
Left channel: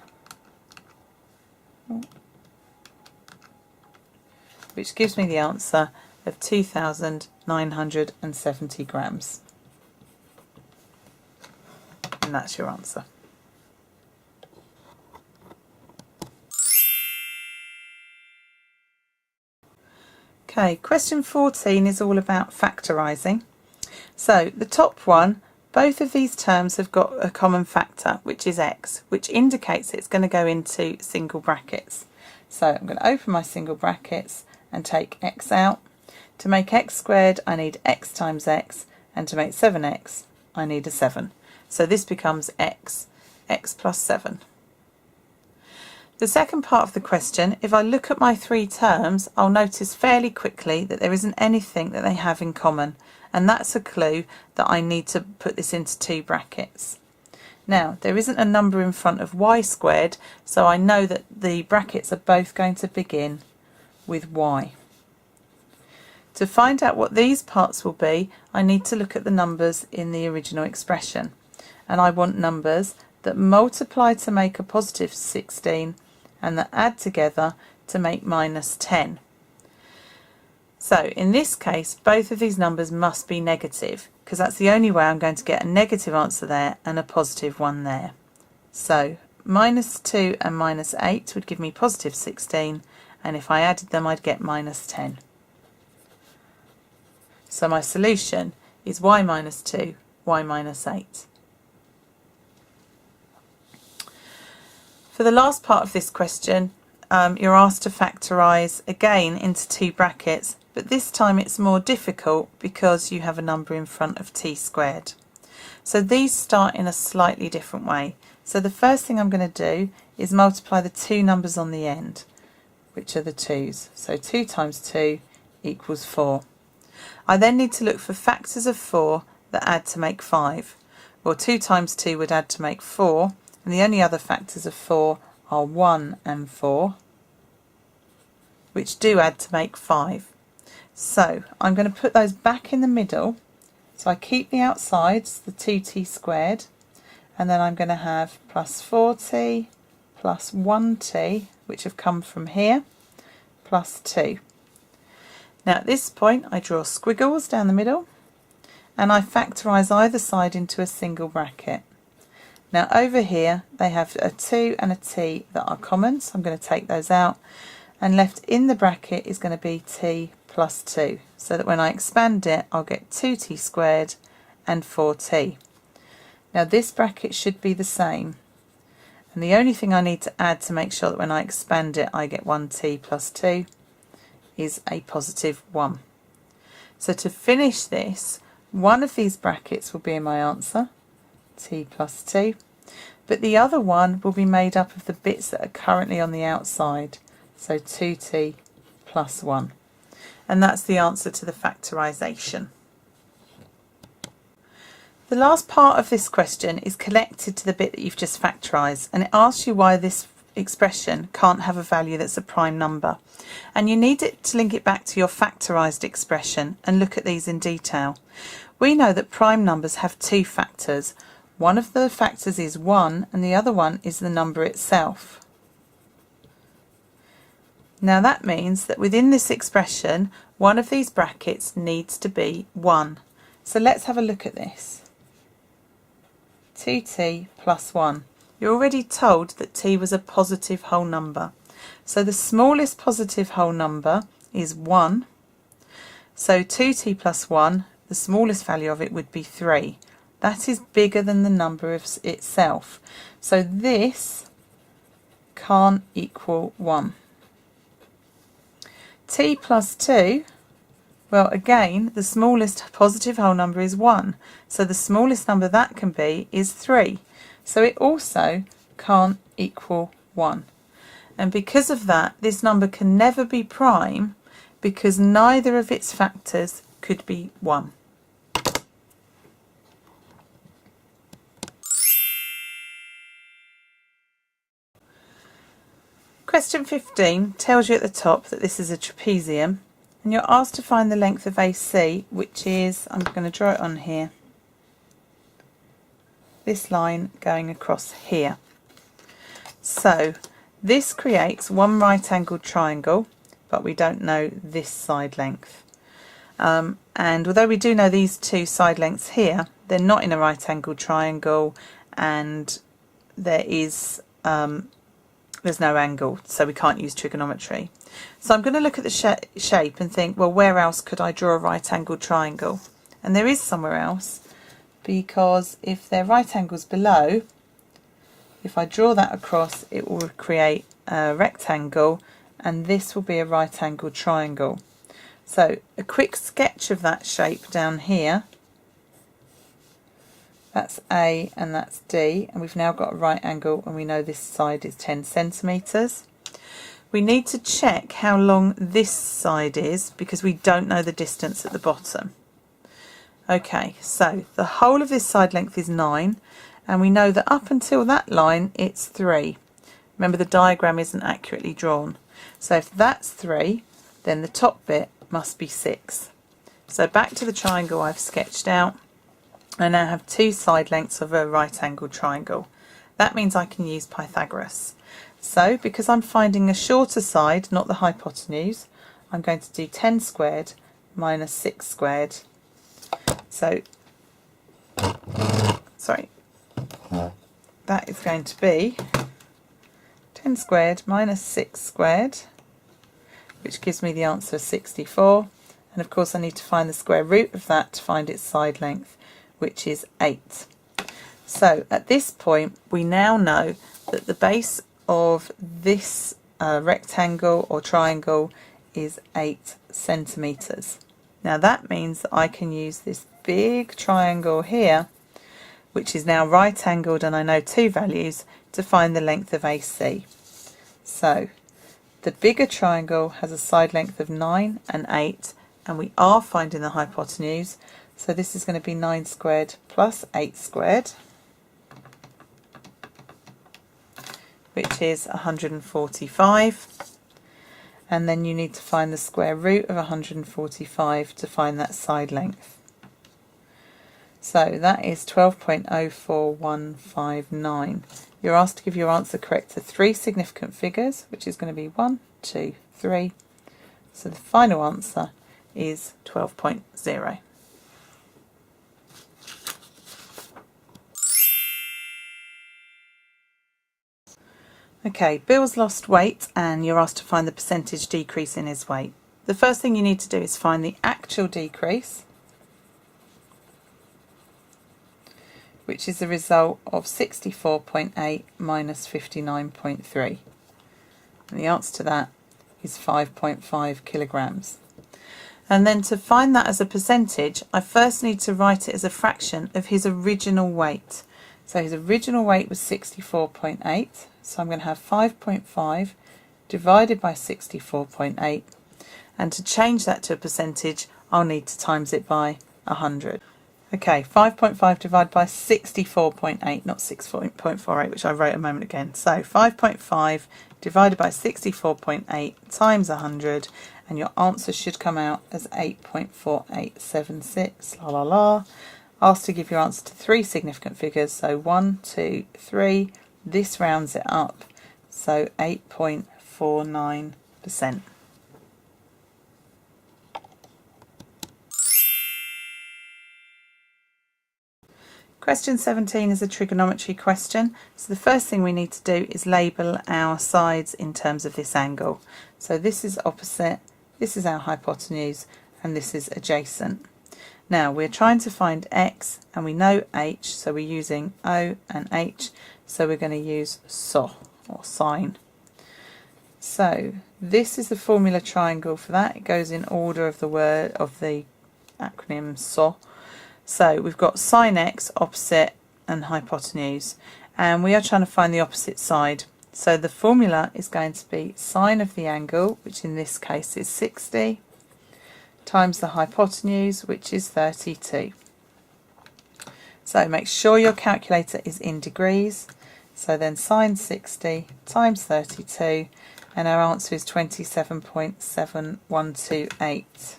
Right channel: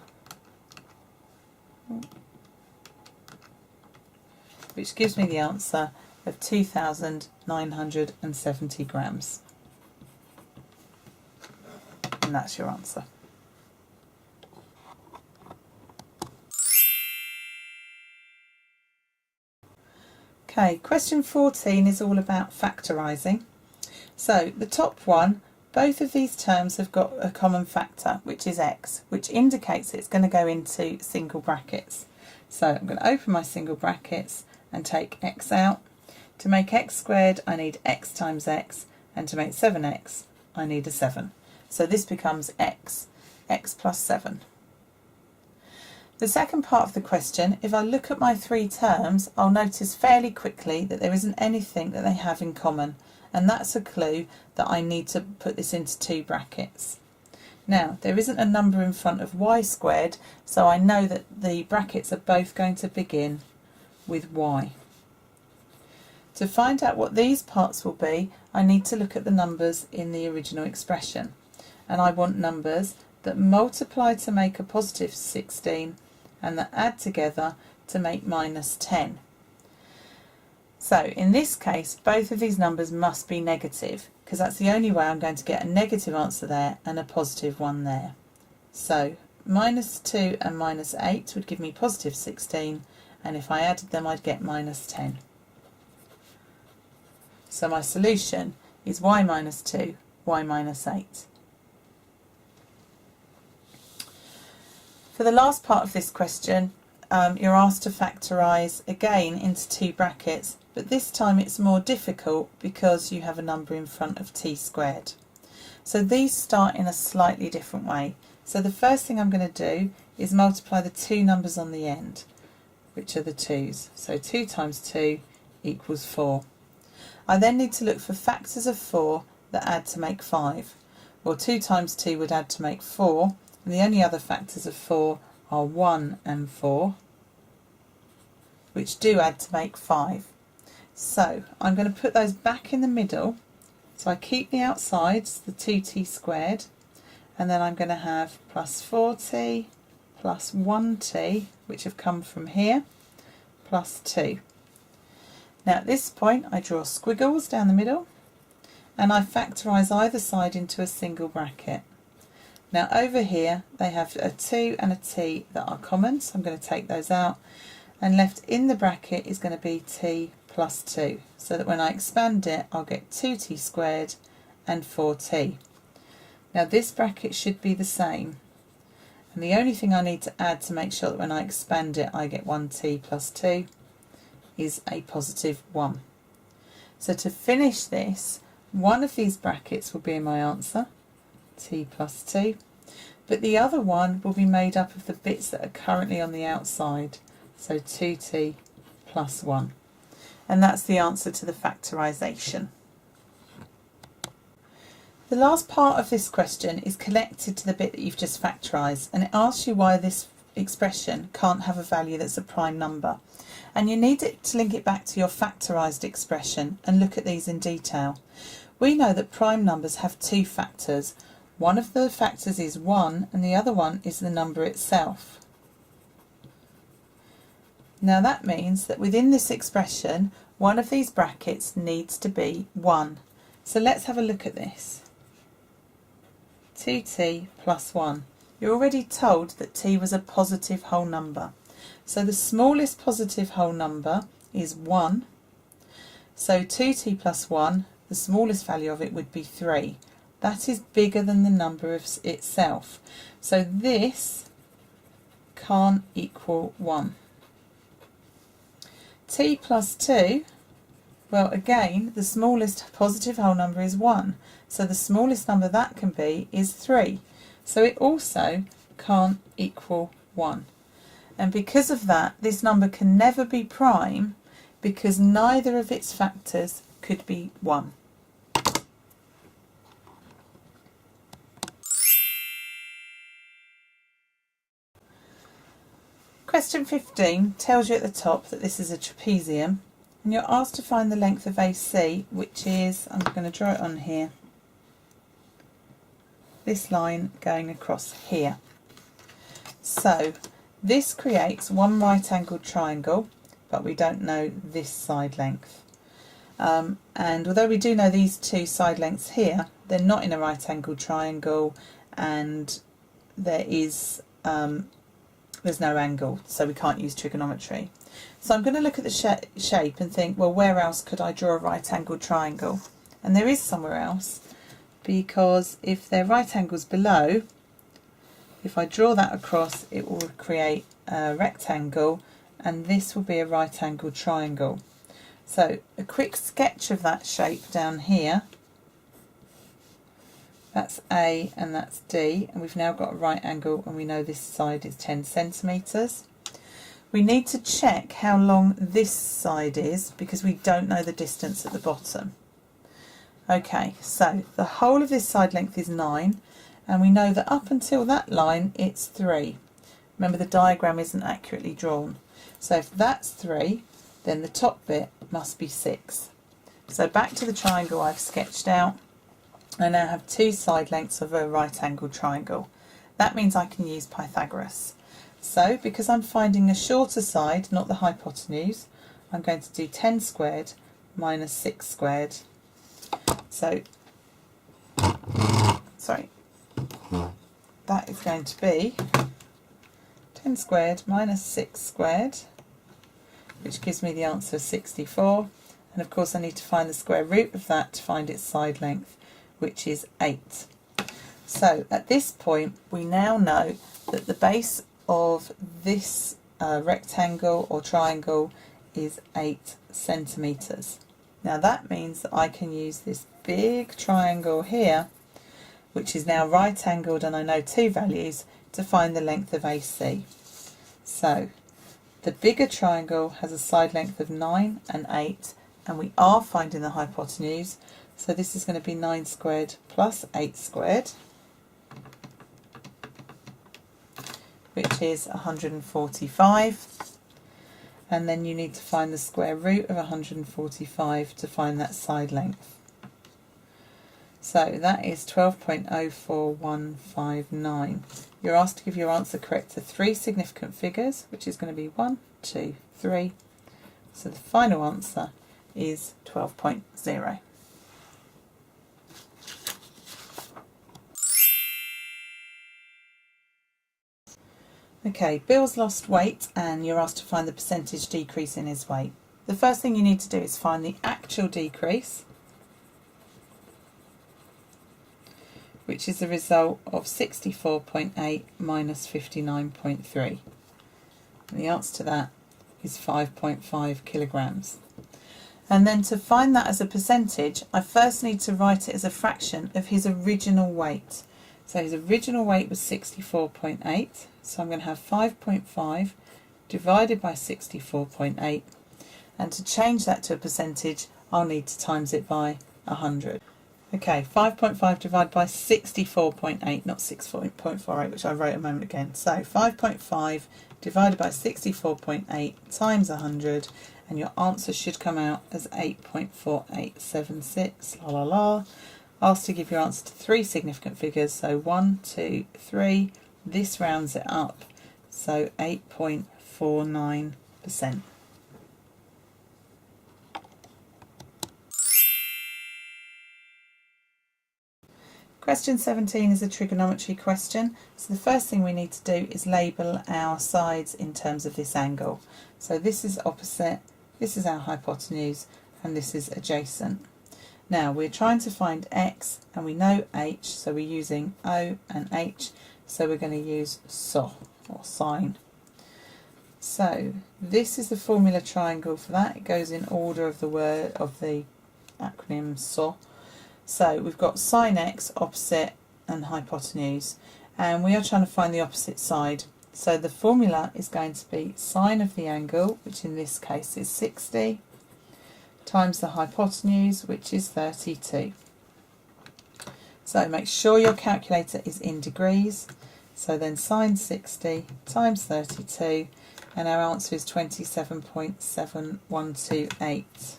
which gives me the answer of 2,970 grams. And that's your answer. Okay, question 14 is all about factorising. So the top one, both of these terms have got a common factor, which is x, which indicates it's going to go into single brackets. So I'm going to open my single brackets and take x out. To make x squared, I need x times x, and to make 7x, I need a 7. So this becomes x plus 7. The second part of the question, if I look at my three terms, I'll notice fairly quickly that there isn't anything that they have in common, and that's a clue that I need to put this into two brackets. Now, there isn't a number in front of y squared, so I know that the brackets are both going to begin with y. To find out what these parts will be, I need to look at the numbers in the original expression. And I want numbers that multiply to make a positive 16 and that add together to make minus 10. So in this case, both of these numbers must be negative, because that's the only way I'm going to get a negative answer there and a positive one there. So minus 2 and minus 8 would give me positive 16, and if I added them, I'd get minus 10. So my solution is y minus 2, y minus 8. For the last part of this question, you're asked to factorise again into two brackets, but this time it's more difficult because you have a number in front of t squared. So these start in a slightly different way. So the first thing I'm going to do is multiply the two numbers on the end, which are the 2's. So 2 times 2 equals 4. I then need to look for factors of 4 that add to make 5. Well, 2 times 2 would add to make 4, and the only other factors of 4 are 1 and 4, which do add to make 5. So I'm going to put those back in the middle. So I keep the outsides, the 2t squared, and then I'm going to have plus 4t plus 1t, which have come from here, plus 2. Now at this point I draw squiggles down the middle and I factorise either side into a single bracket. Now over here they have a 2 and a t that are common, so I'm going to take those out, and left in the bracket is going to be t plus 2, so that when I expand it I'll get 2t squared and 4t. Now this bracket should be the same, and the only thing I need to add to make sure that when I expand it I get 1t plus 2 is a positive 1. So to finish this, one of these brackets will be in my answer, t plus 2, but the other one will be made up of the bits that are currently on the outside, so 2t plus 1. And that's the answer to the factorisation. The last part of this question is connected to the bit that you've just factorised, and it asks you why this expression can't have a value that's a prime number. And you need it to link it back to your factorised expression and look at these in detail. We know that prime numbers have two factors. One of the factors is 1 and the other one is the number itself. Now that means that within this expression, one of these brackets needs to be 1. So let's have a look at this. 2t plus 1. You're already told that t was a positive whole number. So the smallest positive whole number is 1. So 2t plus 1, the smallest value of it would be 3. That is bigger than the number of itself. So this can't equal 1. T plus 2, well again the smallest positive whole number is 1. So the smallest number that can be is 3. So it also can't equal 1. And because of that, this number can never be prime because neither of its factors could be 1. Question 15 tells you at the top that this is a trapezium and you're asked to find the length of AC, which is, I'm going to draw it on here, this line going across here. So this creates one right angled triangle, but we don't know this side length. And although we do know these two side lengths here, they're not in a right angled triangle and there's no angle, so we can't use trigonometry. So I'm going to look at the shape and think, well, where else could I draw a right angled triangle? And there is somewhere else, because if they're right angles below, if I draw that across, it will create a rectangle, and this will be a right angled triangle. So a quick sketch of that shape down here. That's A and that's D, and we've now got a right angle and we know this side is 10 centimetres. We need to check how long this side is because we don't know the distance at the bottom. Okay, so the whole of this side length is 9 and we know that up until that line it's 3. Remember, the diagram isn't accurately drawn. So if that's 3, then the top bit must be 6. So back to the triangle I've sketched out. I now have two side lengths of a right angled triangle. That means I can use Pythagoras. So because I'm finding a shorter side, not the hypotenuse, I'm going to do 10 squared minus 6 squared. So, sorry, that is going to be 10 squared minus 6 squared, which gives me the answer of 64. And of course I need to find the square root of that to find its side length, which is 8. So at this point we now know that the base of this rectangle or triangle is 8 centimetres. Now that means that I can use this big triangle here, which is now right angled and I know two values, to find the length of AC. So the bigger triangle has a side length of 9 and 8, and we are finding the hypotenuse. So this is going to be 9 squared plus 8 squared, which is 145. And then you need to find the square root of 145 to find that side length. So that is 12.04159. You're asked to give your answer correct to 3 significant figures, which is going to be 1, 2, 3. So the final answer is 12.0. Okay, Bill's lost weight and you're asked to find the percentage decrease in his weight. The first thing you need to do is find the actual decrease, which is the result of 64.8 minus 59.3. And the answer to that is 5.5 kilograms. And then to find that as a percentage, I first need to write it as a fraction of his original weight. So his original weight was 64.8, so I'm going to have 5.5 divided by 64.8, and to change that to a percentage I'll need to times it by 100. Okay, 5.5 divided by 64.8, not 6.48, which I wrote a moment ago. So 5.5 divided by 64.8 times 100, and your answer should come out as 8.4876. La la la. Asked to give your answer to 3 significant figures, so 1, 2, 3. This rounds it up, so 8.49%. Question 17 is a trigonometry question. So the first thing we need to do is label our sides in terms of this angle. So this is opposite, this is our hypotenuse, and this is adjacent. Now we're trying to find x, and we know h, so we're using O and h, so we're going to use SO, or sine. So this is the formula triangle for that. It goes in order of the word of the acronym SO. So we've got sine x, opposite, and hypotenuse, and we are trying to find the opposite side. So the formula is going to be sine of the angle, which in this case is 60, times the hypotenuse, which is 32. So make sure your calculator is in degrees. So then sine 60 times 32, and our answer is 27.7128.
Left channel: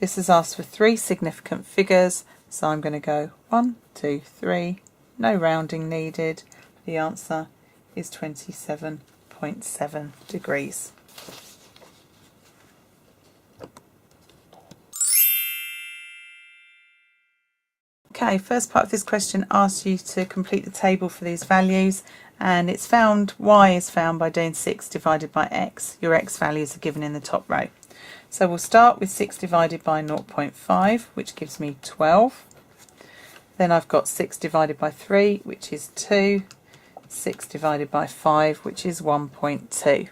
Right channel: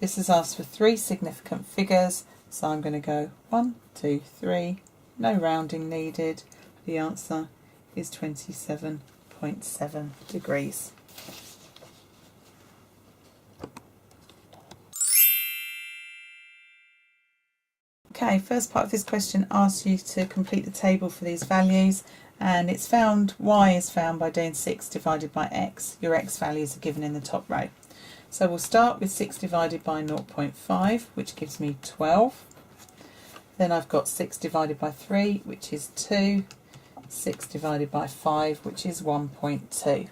This has asked for 3 significant figures, so I'm going to go 1, 2, 3, no rounding needed. The answer is 27.7 degrees. Okay, first part of this question asks you to complete the table for these values, and it's found, y is found by doing 6 divided by x. Your x values are given in the top row. So we'll start with 6 divided by 0.5, which gives me 12. Then I've got 6 divided by 3, which is 2. 6 divided by 5, which is 1.2.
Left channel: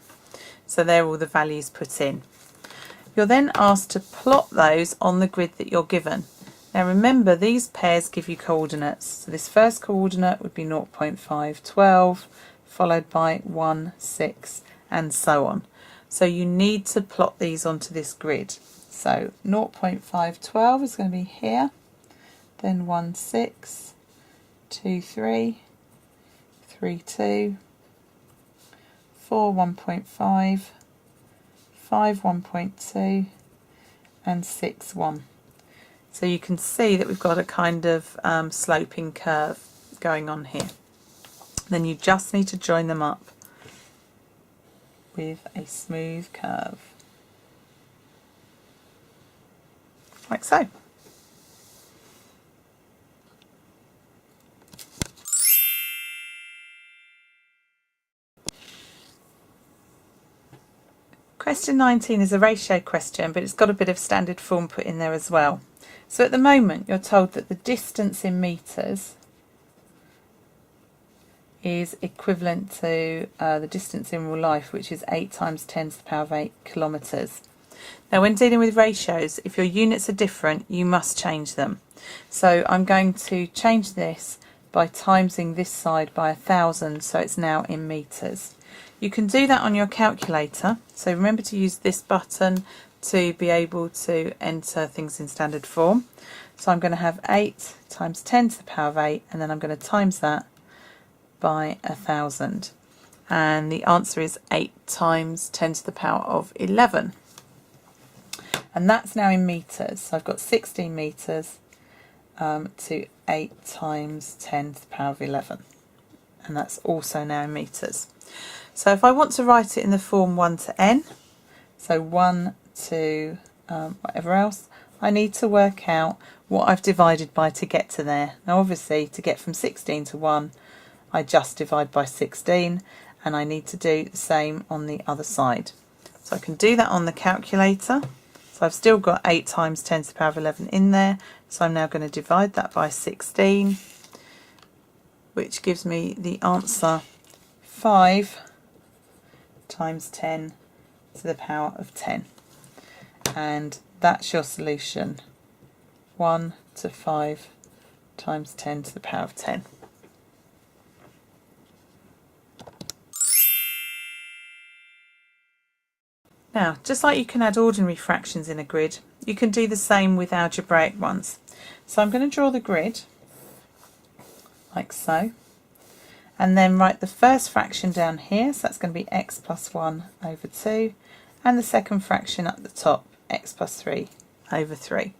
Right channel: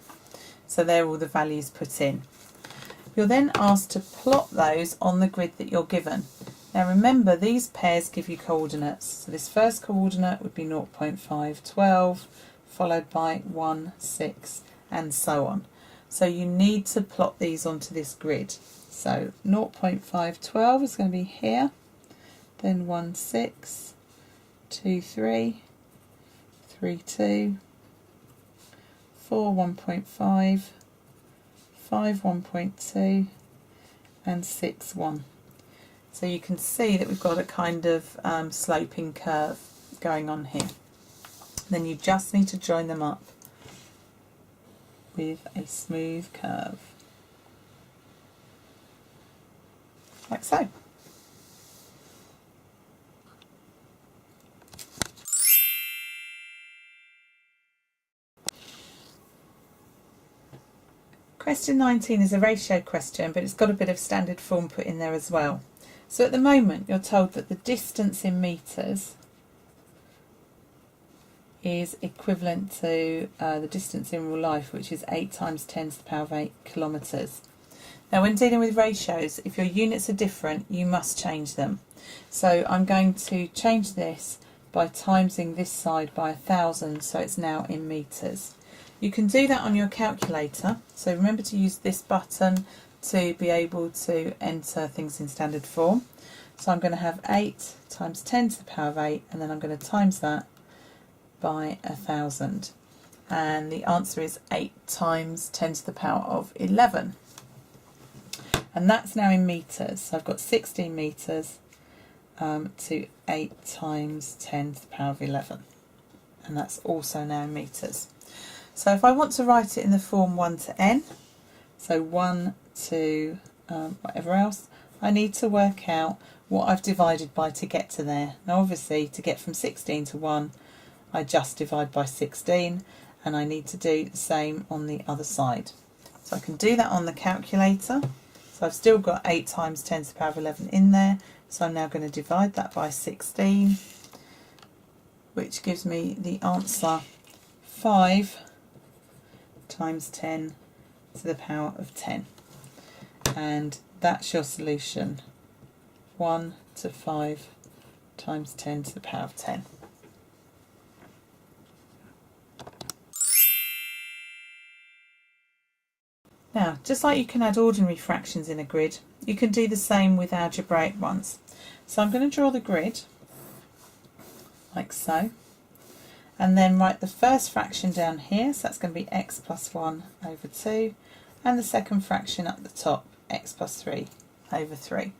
So they're all the values put in. You're then asked to plot those on the grid that you're given. Now remember, these pairs give you coordinates. So this first coordinate would be 0.5, 12, followed by 1, 6, and so on. So you need to plot these onto this grid. So 0.5, 12 is going to be here, then 1, 6, 2, 3, 3, 2, 4, 1.5, 5, 1.2, and 6, 1. So you can see that we've got a kind of sloping curve going on here. Then you just need to join them up with a smooth curve, like so. Question 19 is a ratio question, but it's got a bit of standard form put in there as well. So at the moment you're told that the distance in metres is equivalent to the distance in real life, which is 8 times 10 to the power of 8 kilometres. Now when dealing with ratios, if your units are different, you must change them. So I'm going to change this by timesing this side by 1,000, so it's now in metres. You can do that on your calculator, so remember to use this button to be able to enter things in standard form. So I'm going to have 8 times 10 to the power of 8, and then I'm going to times that by 1,000, and the answer is 8 times 10 to the power of 11, and that's now in metres. So I've got 16 metres to 8 times 10 to the power of 11, and that's also now in metres. So if I want to write it in the form 1 to n, so 1 to whatever else, I need to work out what I've divided by to get to there. Now obviously to get from 16 to 1, I just divide by 16, and I need to do the same on the other side. So I can do that on the calculator. So I've still got 8 times 10 to the power of 11 in there. So I'm now going to divide that by 16, which gives me the answer 5 times 10 to the power of 10. And that's your solution, 1 to 5 times 10 to the power of 10. Now, just like you can add ordinary fractions in a grid, you can do the same with algebraic ones. So I'm going to draw the grid, like so, and then write the first fraction down here, so that's going to be x plus 1 over 2, and the second fraction at the top, x plus 3 over 3.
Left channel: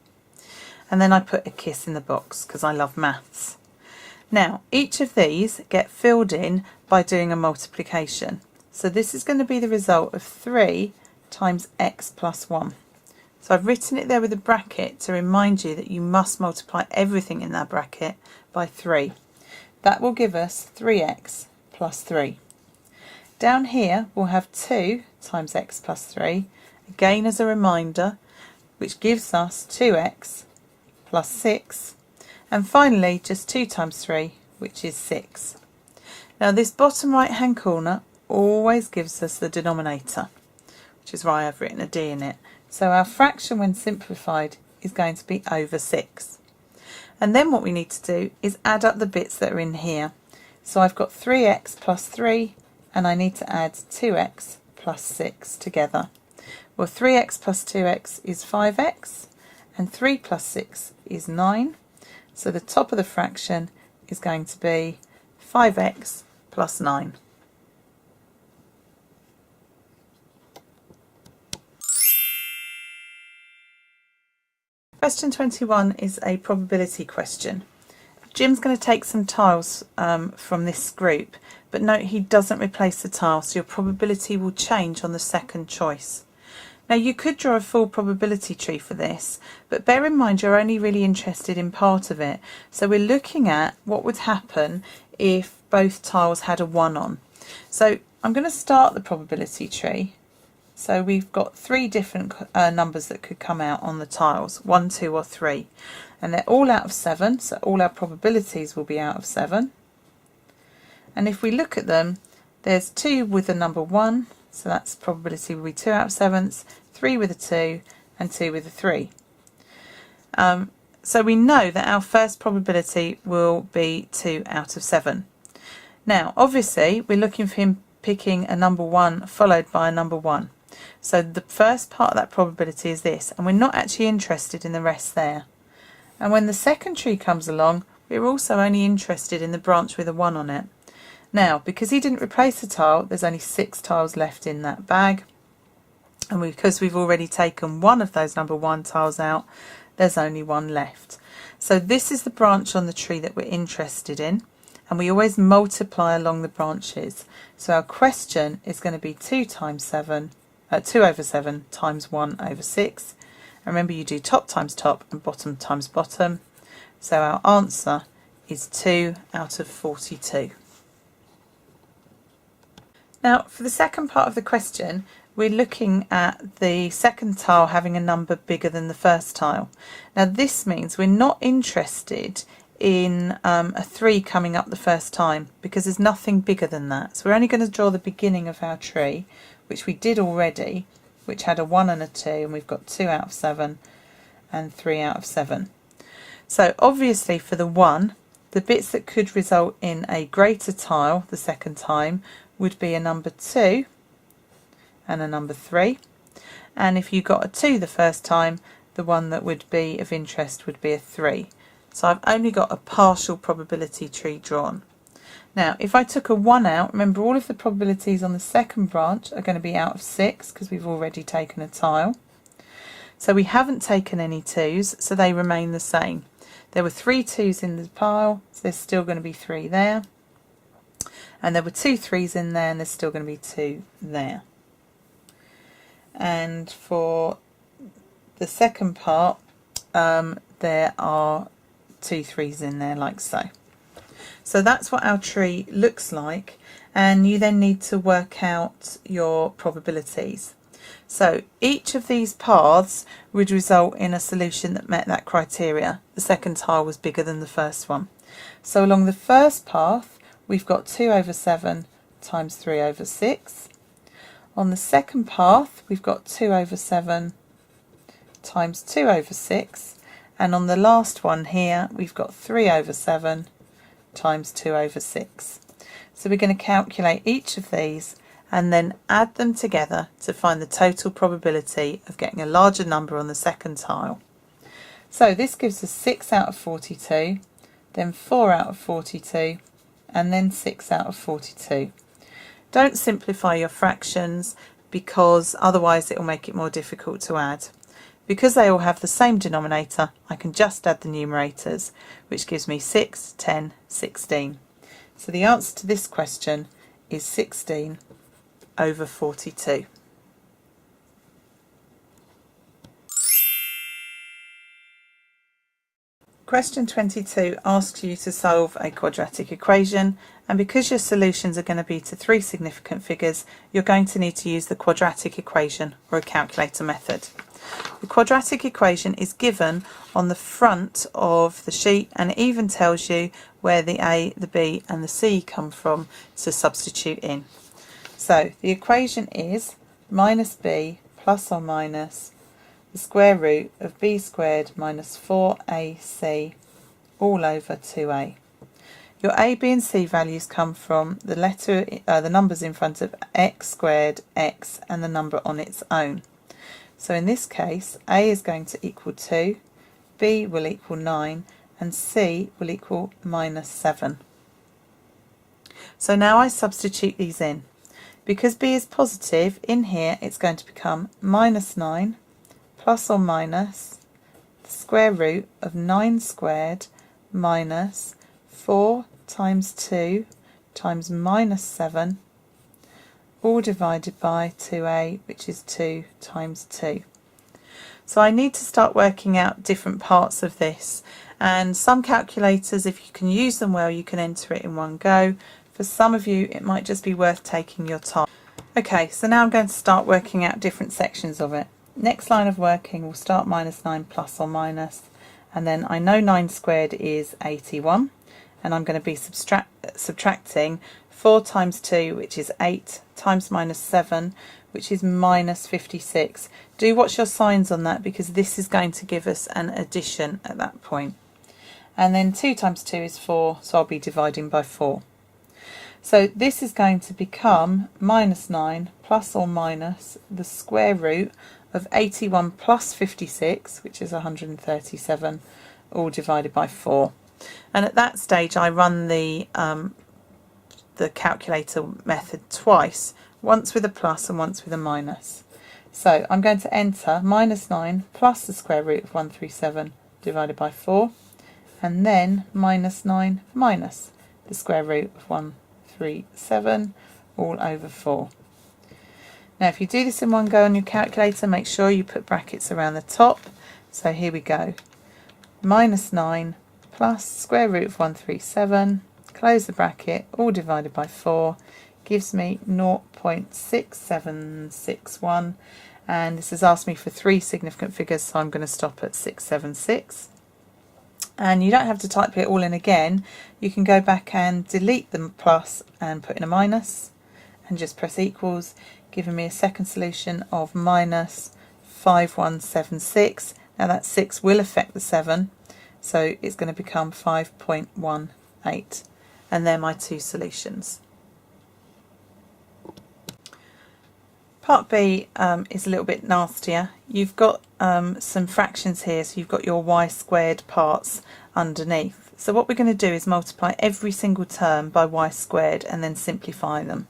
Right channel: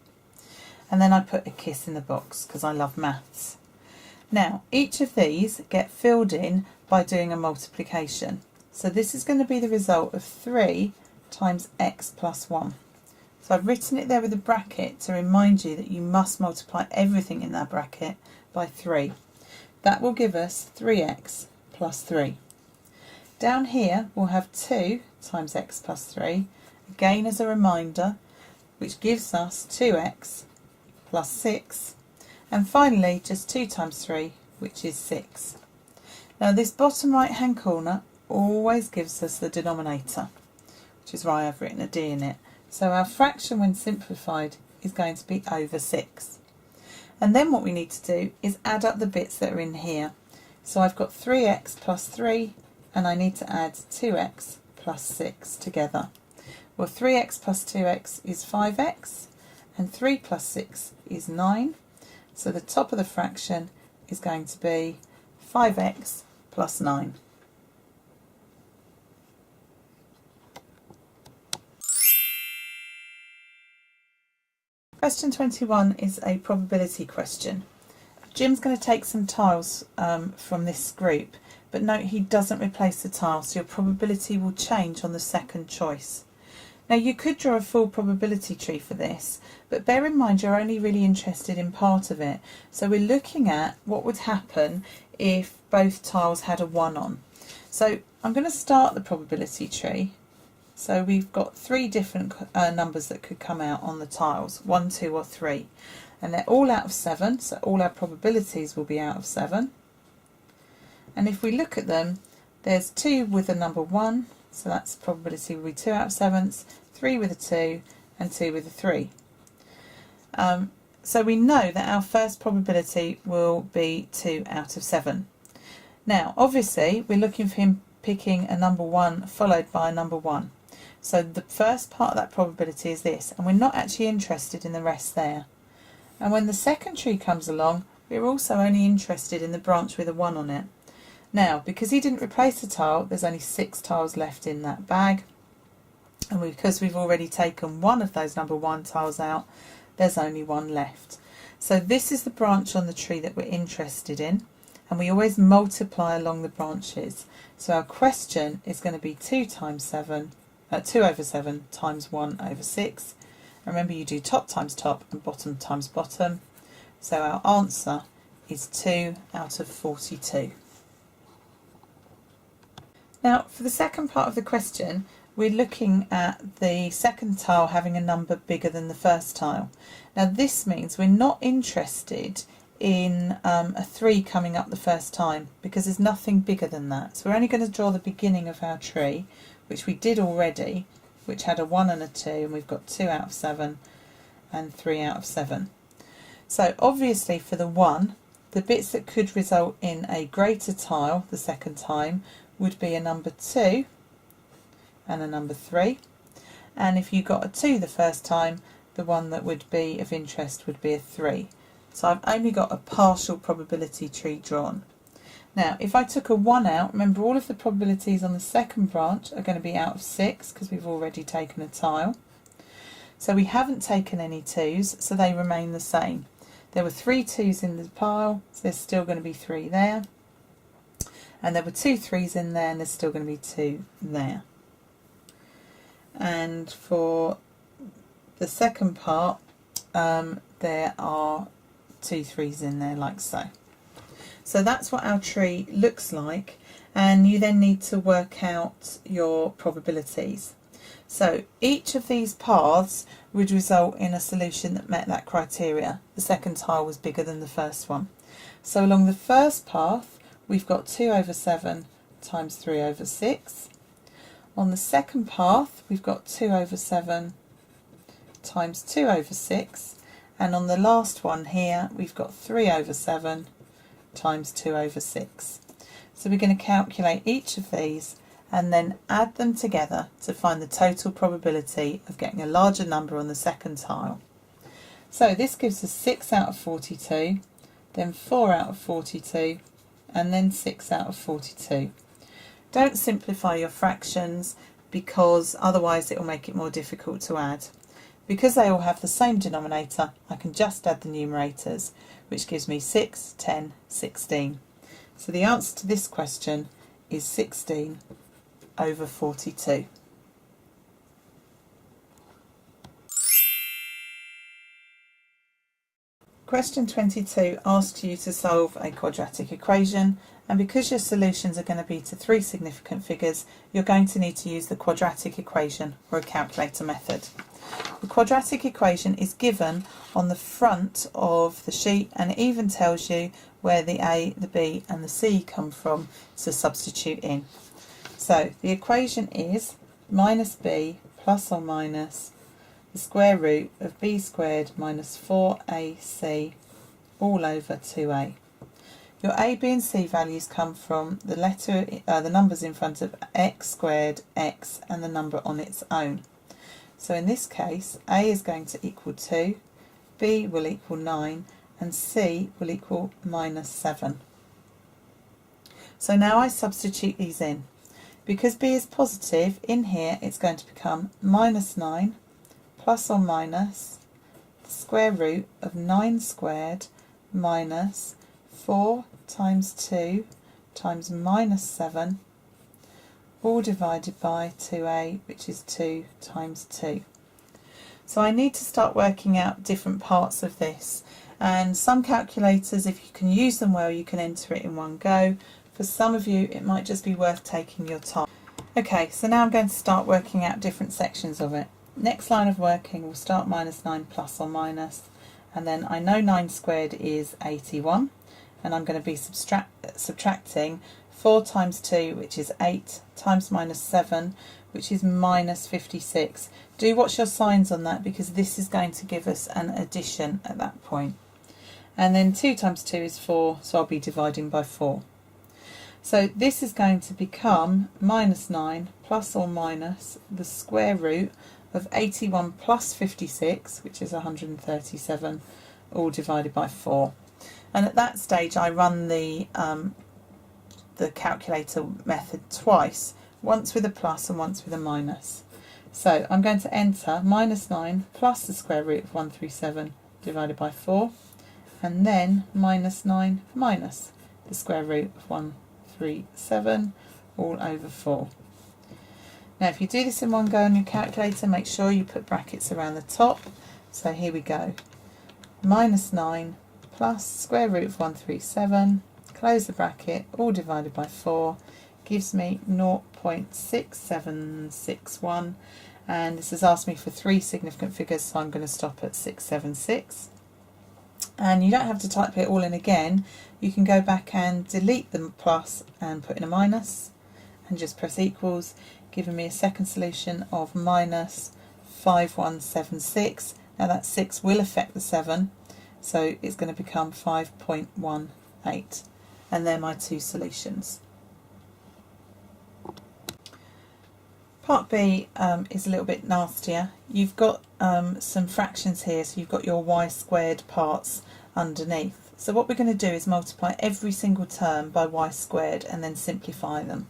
And then I put a kiss in the box because I love maths. Now, each of these get filled in by doing a multiplication. So this is going to be the result of 3 times x plus 1. So I've written it there with a bracket to remind you that you must multiply everything in that bracket by 3. That will give us 3x plus 3. Down here we'll have 2 times x plus 3, again as a reminder, which gives us 2x plus 6. And finally just 2 times 3, which is 6. Now this bottom right hand corner always gives us the denominator, which is why I've written a d in it. So our fraction when simplified is going to be over 6. And then what we need to do is add up the bits that are in here. So I've got 3x plus 3 and I need to add 2x plus 6 together. Well, 3x plus 2x is 5x and 3 plus 6 is 9. So the top of the fraction is going to be 5x plus 9. Question 21 is a probability question. Jim's going to take some tiles from this group, but note he doesn't replace the tile, so your probability will change on the second choice. Now you could draw a full probability tree for this, but bear in mind you're only really interested in part of it. So we're looking at what would happen if both tiles had a 1 on. So I'm going to start the probability tree. So we've got 3 different numbers that could come out on the tiles, 1, 2 or 3. And they're all out of 7, so all our probabilities will be out of 7. And if we look at them, there's 2 with the number 1, so that's probability will be 2 out of 7, 3 with a 2 and 2 with a 3. So we know that our first probability will be 2 out of 7. Now obviously we're looking for him picking a number 1 followed by a number 1. So the first part of that probability is this, and we're not actually interested in the rest there. And when the second tree comes along, we're also only interested in the branch with a 1 on it. Now, because he didn't replace the tile, there's only 6 tiles left in that bag. And because we've already taken one of those number 1 tiles out, there's only 1 left. So this is the branch on the tree that we're interested in. And we always multiply along the branches. So our question is going to be 2 over 7 times 1 over 6. And remember, you do top times top and bottom times bottom. So our answer is 2 out of 42. Now for the second part of the question, we're looking at the second tile having a number bigger than the first tile. Now this means we're not interested in a 3 coming up the first time because there's nothing bigger than that. So we're only going to draw the beginning of our tree, which we did already, which had a 1 and a 2, and we've got 2 out of 7 and 3 out of 7. So obviously for the 1, the bits that could result in a greater tile the second time would be a number 2 and a number 3. And if you got a 2 the first time, the one that would be of interest would be a 3. So I've only got a partial probability tree drawn. Now, if I took a 1 out, remember all of the probabilities on the second branch are going to be out of 6 because we've already taken a tile. So we haven't taken any 2s, so they remain the same. There were 3 2s in the pile, so there's still going to be 3 there. And there were 2 3s in there, and there's still going to be 2 there. And for the second part, there are 2 3s in there like so. So that's what our tree looks like, and you then need to work out your probabilities. So each of these paths would result in a solution that met that criteria. The second tile was bigger than the first one. So along the first path, we've got 2 over 7 times 3 over 6. On the second path, we've got 2 over 7 times 2 over 6. And on the last one here, we've got 3 over 7 times 2 over 6. So we're going to calculate each of these and then add them together to find the total probability of getting a larger number on the second tile. So this gives us 6 out of 42, then 4 out of 42, and then 6 out of 42. Don't simplify your fractions because otherwise it will make it more difficult to add. Because they all have the same denominator, I can just add the numerators, which gives me 6, 10, 16. So the answer to this question is 16 over 42. Question 22 asks you to solve a quadratic equation, and because your solutions are going to be to three significant figures, you're going to need to use the quadratic equation or a calculator method. The quadratic equation is given on the front of the sheet, and it even tells you where the A, the B and the C come from to substitute in. So the equation is minus B plus or minus the square root of b squared minus 4ac all over 2a. Your a, b and c values come from the numbers in front of x squared, x and the number on its own. So in this case a is going to equal 2, b will equal 9 and c will equal minus 7. So now I substitute these in. Because b is positive, in here it's going to become minus 9 plus or minus the square root of 9 squared minus 4 times 2 times minus 7 all divided by 2a, which is 2 times 2. So I need to start working out different parts of this, and some calculators, if you can use them well, you can enter it in one go. For some of you it might just be worth taking your time. Okay, so now I'm going to start working out different sections of it. Next line of working, we'll start minus 9 plus or minus, and then I know 9 squared is 81, and I'm going to be subtracting 4 times 2, which is 8, times minus 7, which is minus 56. Do watch your signs on that because this is going to give us an addition at that point. And then 2 times 2 is 4, so I'll be dividing by 4. So this is going to become minus 9 plus or minus the square root of 81 plus 56, which is 137, all divided by 4. And at that stage I run the calculator method twice, once with a plus and once with a minus. So I'm going to enter minus 9 plus the square root of 137 divided by 4, and then minus 9 minus the square root of 137 all over 4. Now if you do this in one go on your calculator, make sure you put brackets around the top. So here we go. Minus 9 plus square root of 137, close the bracket, all divided by 4, gives me 0.6761, and this has asked me for three significant figures, so I'm going to stop at 676. And you don't have to type it all in again. You can go back and delete the plus and put in a minus and just press equals, giving me a second solution of minus 5176. Now that 6 will affect the 7, so it's going to become 5.18, and they're my two solutions. Part B is a little bit nastier. You've got some fractions here, so you've got your y squared parts underneath. So what we're going to do is multiply every single term by y squared and then simplify them.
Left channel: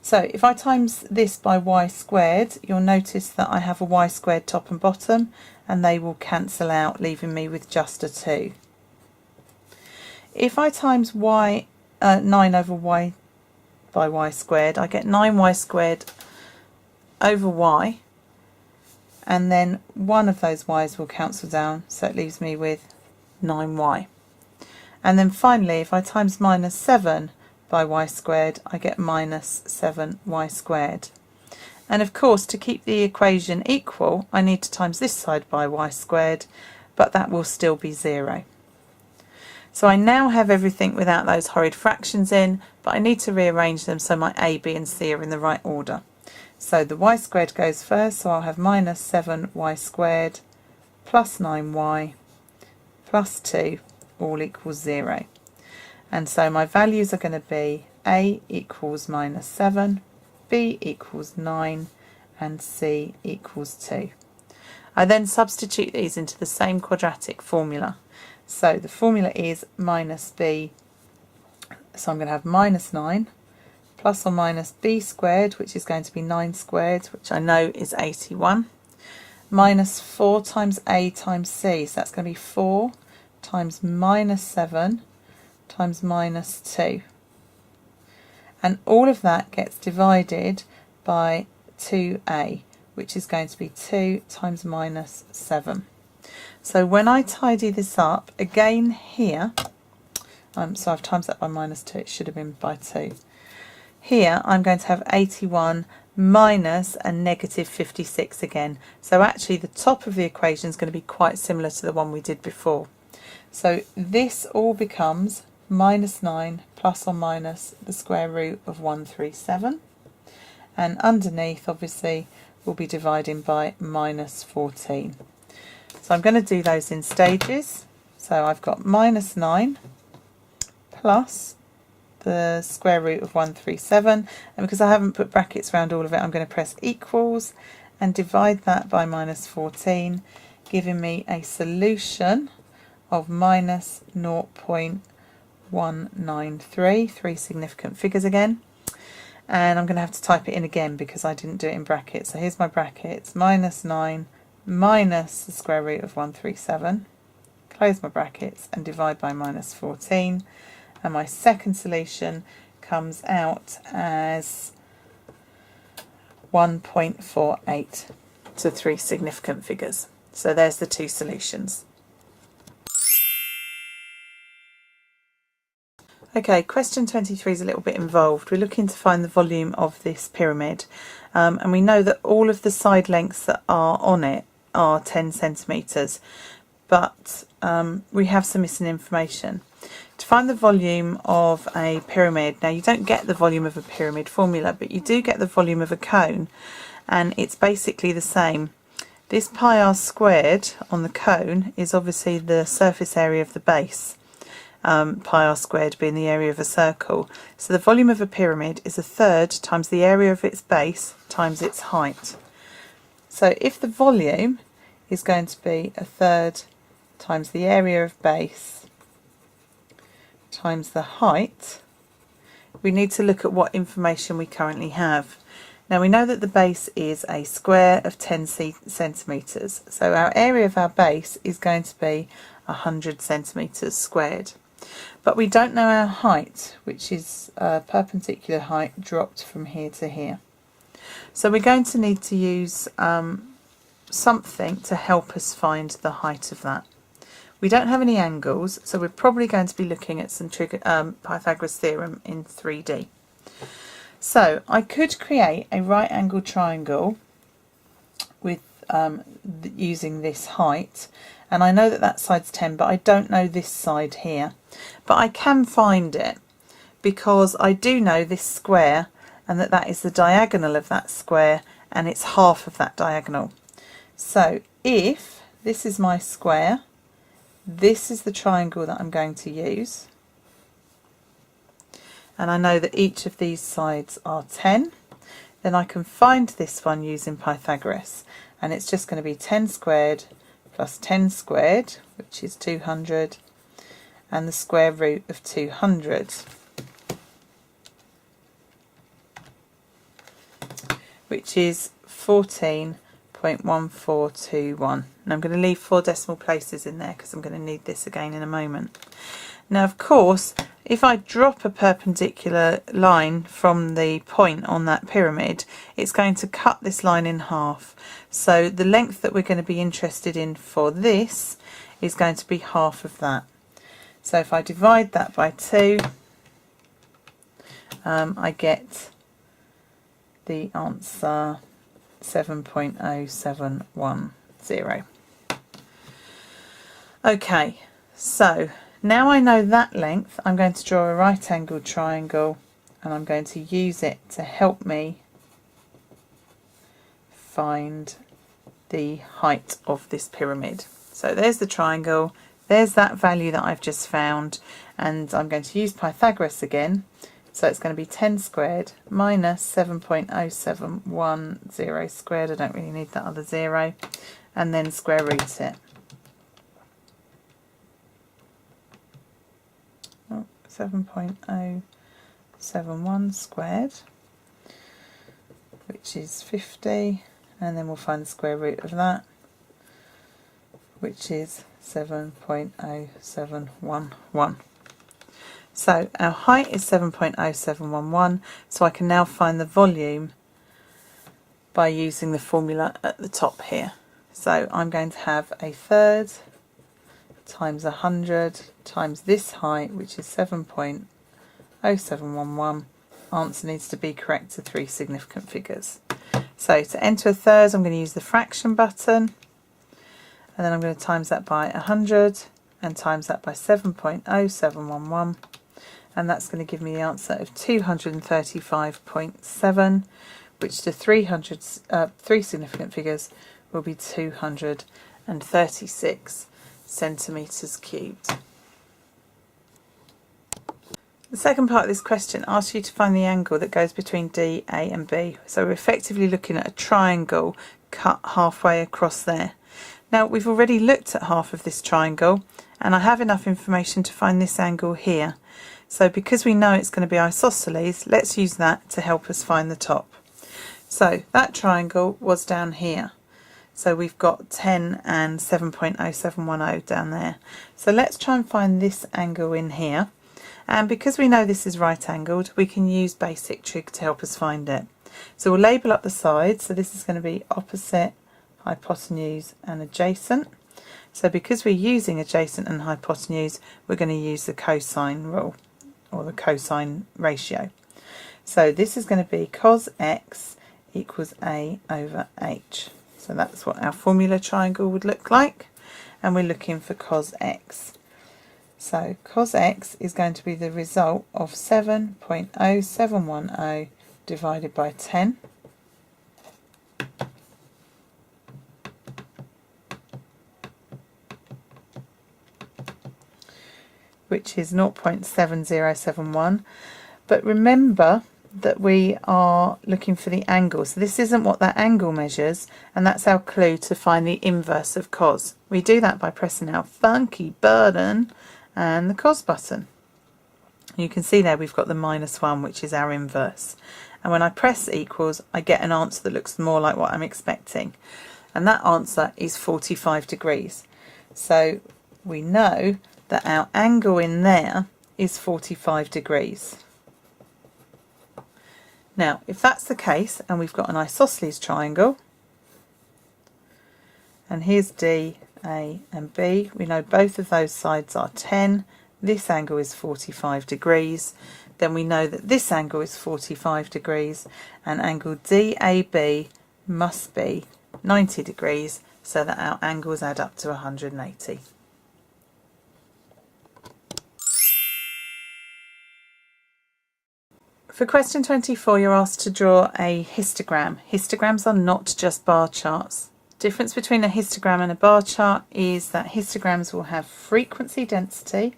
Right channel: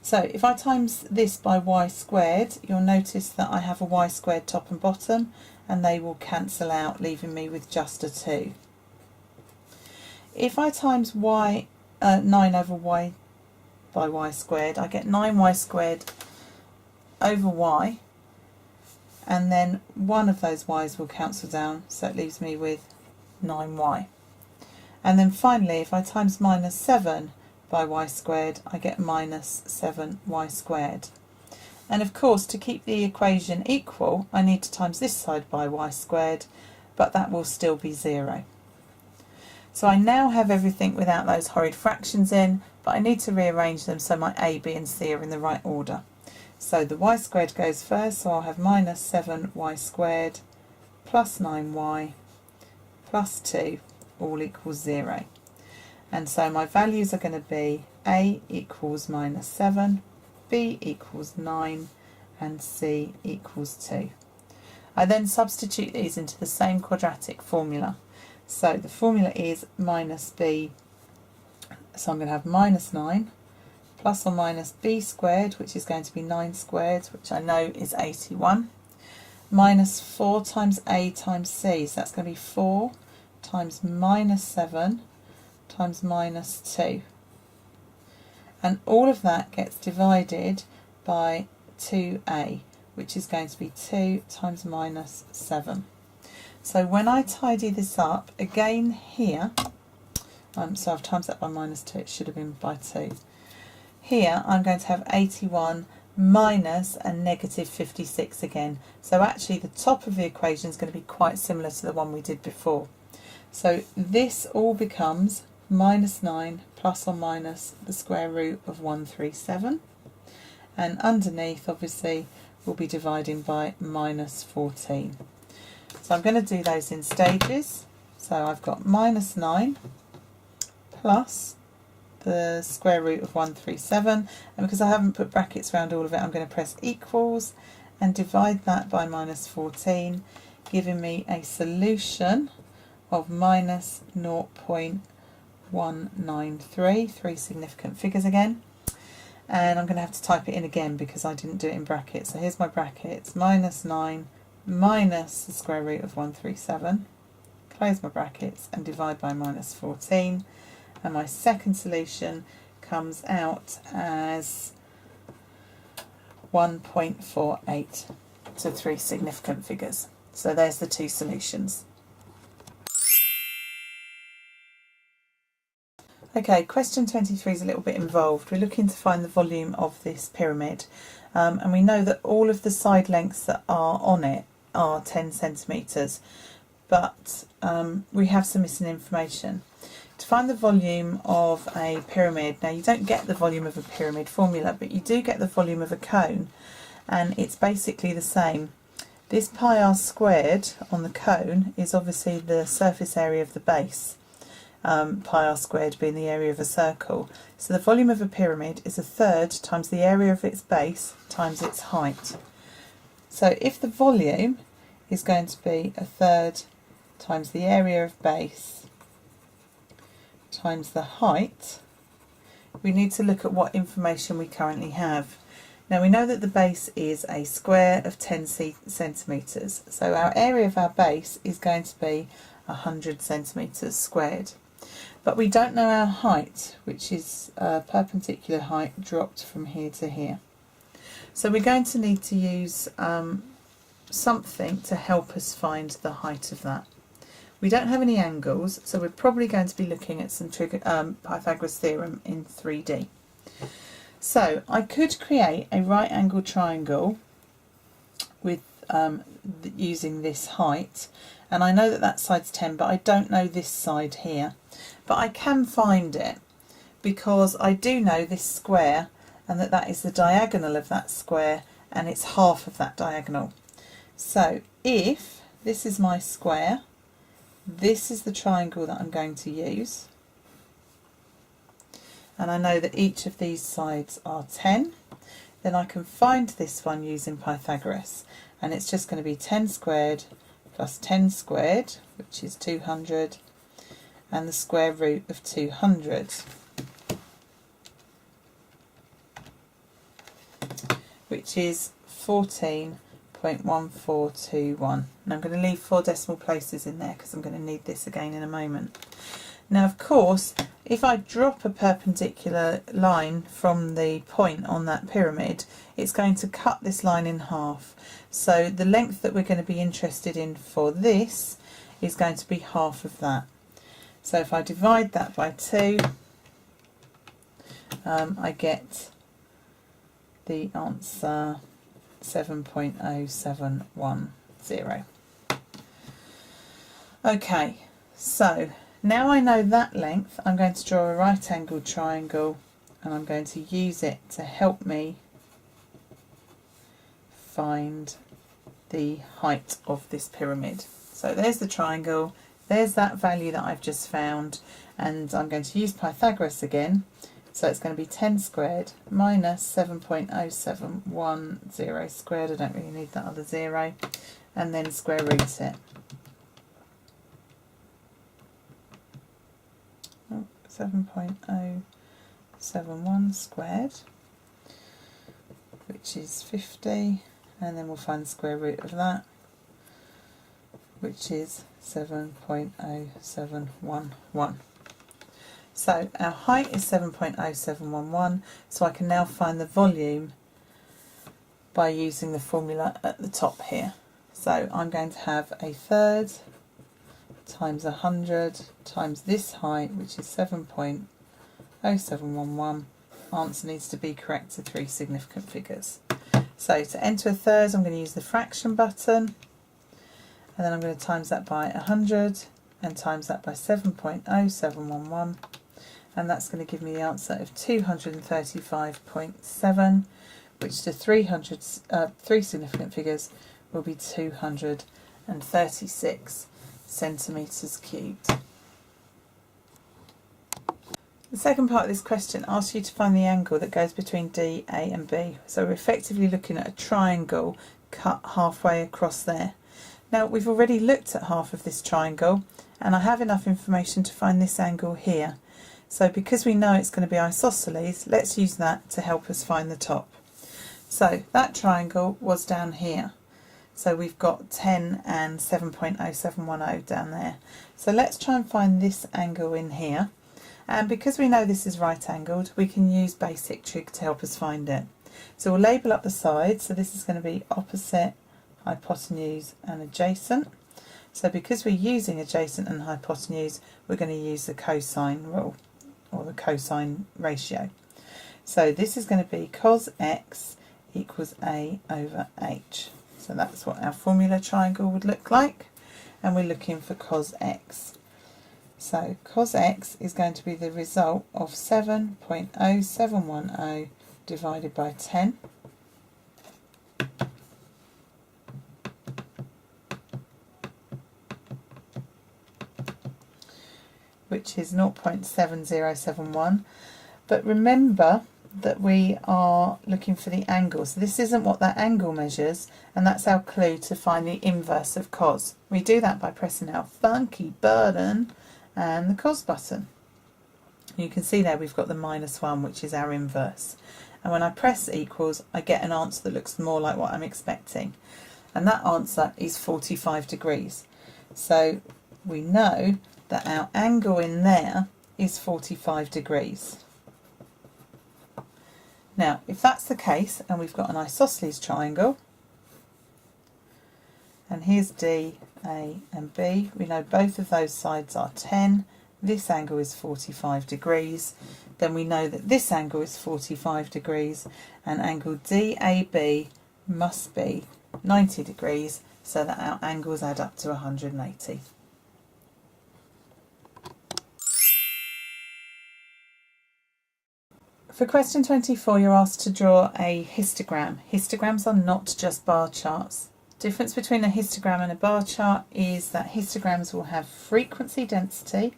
So if I times this by y squared, you'll notice that I have a y squared top and bottom, and they will cancel out, leaving me with just a 2. If I times 9 over y by y squared, I get 9y squared over y, and then one of those y's will cancel down, so it leaves me with 9y. And then finally, if I times minus 7 by y squared, I get minus 7y squared. And of course, to keep the equation equal, I need to times this side by y squared, but that will still be 0. So I now have everything without those horrid fractions in, but I need to rearrange them so my a, b and c are in the right order. So the y squared goes first, so I'll have minus 7y squared plus 9y plus 2 all equals 0. And so my values are going to be a equals minus 7, b equals 9 and c equals 2. I then substitute these into the same quadratic formula. So the formula is minus b So I'm going to have minus 9 plus or minus b squared, which is going to be 9 squared, which I know is 81, minus 4 times a times c. So that's going to be 4 times minus 7 times minus 2. And all of that gets divided by 2a, which is going to be 2 times minus 7. So when I tidy this up, again here, so I've times that by minus 2, it should have been by 2. Here I'm going to have 81 minus a negative 56 again. So actually the top of the equation is going to be quite similar to the one we did before. So this all becomes minus 9 plus or minus the square root of 137. And underneath, obviously, we'll be dividing by minus 14. So I'm going to do those in stages. So I've got minus 9 plus the square root of 137, and because I haven't put brackets around all of it, I'm going to press equals and divide that by minus 14, giving me a solution of minus 0.193, three significant figures again. And I'm going to have to type it in again because I didn't do it in brackets. So here's my brackets, minus 9 minus the square root of 137, close my brackets and divide by minus 14. And my second solution comes out as 1.48, so three significant figures. So there's the two solutions. Okay, question 23 is a little bit involved. We're looking to find the volume of this pyramid, and we know that all of the side lengths that are on it are 10 centimetres, but we have some missing information. To find the volume of a pyramid, now you don't get the volume of a pyramid formula, but you do get the volume of a cone, and it's basically the same. This pi r squared on the cone is obviously the surface area of the base, pi r squared being the area of a circle. So the volume of a pyramid is a third times the area of its base times its height. So if the volume is going to be a third times the area of base times the height, we need to look at what information we currently have. Now we know that the base is a square of 10 centimetres, so our area of our base is going to be 100 centimetres squared. But we don't know our height, which is a perpendicular height dropped from here to here. So we're going to need to use something to help us find the height of that. We don't have any angles, so we're probably going to be looking at some Pythagoras theorem in 3D. So I could create a right angled triangle with using this height, and I know that that side's 10, but I don't know this side here. But I can find it because I do know this square, and that is the diagonal of that square, and it's half of that diagonal. So if this is my square, this is the triangle that I'm going to use, and I know that each of these sides are 10, then I can find this one using Pythagoras, and it's just going to be 10 squared plus 10 squared, which is 200, and the square root of 200, which is 14.1421. And I'm going to leave 4 decimal places in there because I'm going to need this again in a moment. Now, of course, if I drop a perpendicular line from the point on that pyramid, it's going to cut this line in half. So the length that we're going to be interested in for this is going to be half of that. So if I divide that by 2, I get the answer 7.0710. Okay, so now I know that length, I'm going to draw a right angled triangle, and I'm going to use it to help me find the height of this pyramid. So there's the triangle, there's that value that I've just found, and I'm going to use Pythagoras again. So it's going to be 10 squared minus 7.0710 squared, I don't really need that other 0, and then square root it. 7.071 squared, which is 50, and then we'll find the square root of that, which is 7.0711. So our height is 7.0711, so I can now find the volume by using the formula at the top here. So I'm going to have a third times 100 times this height, which is 7.0711. Answer needs to be correct to 3 significant figures. So to enter a third, I'm going to use the fraction button, and then I'm going to times that by 100 and times that by 7.0711, and that's going to give me the answer of 235.7, which to 3 significant figures will be 236 centimetres cubed. The second part of this question asks you to find the angle that goes between D, A and B. So we're effectively looking at a triangle cut halfway across there. Now we've already looked at half of this triangle, and I have enough information to find this angle here. So because we know it's going to be isosceles, let's use that to help us find the top. So that triangle was down here. So we've got 10 and 7.0710 down there. So let's try and find this angle in here. And because we know this is right angled, we can use basic trig to help us find it. So we'll label up the sides. So this is going to be opposite, hypotenuse and adjacent. So because we're using adjacent and hypotenuse, we're going to use the cosine rule, or the cosine ratio. So this is going to be cos x equals a over h. So that's what our formula triangle would look like, and we're looking for cos x. So cos x is going to be the result of 7.0710 divided by 10, which is 0.7071. But remember that we are looking for the angle, so this isn't what that angle measures, and that's our clue to find the inverse of cos. We do that by pressing our funky button and the cos button. You can see there we've got the -1, which is our inverse, and when I press equals I get an answer that looks more like what I'm expecting, and that answer is 45 degrees. So we know that our angle in there is 45 degrees. Now, if that's the case, and we've got an isosceles triangle, and here's D, A and B, we know both of those sides are 10, this angle is 45 degrees, then we know that this angle is 45 degrees, and angle DAB must be 90 degrees, so that our angles add up to 180. For question 24, you're asked to draw a histogram. Histograms are not just bar charts. The difference between a histogram and a bar chart is that histograms will have frequency density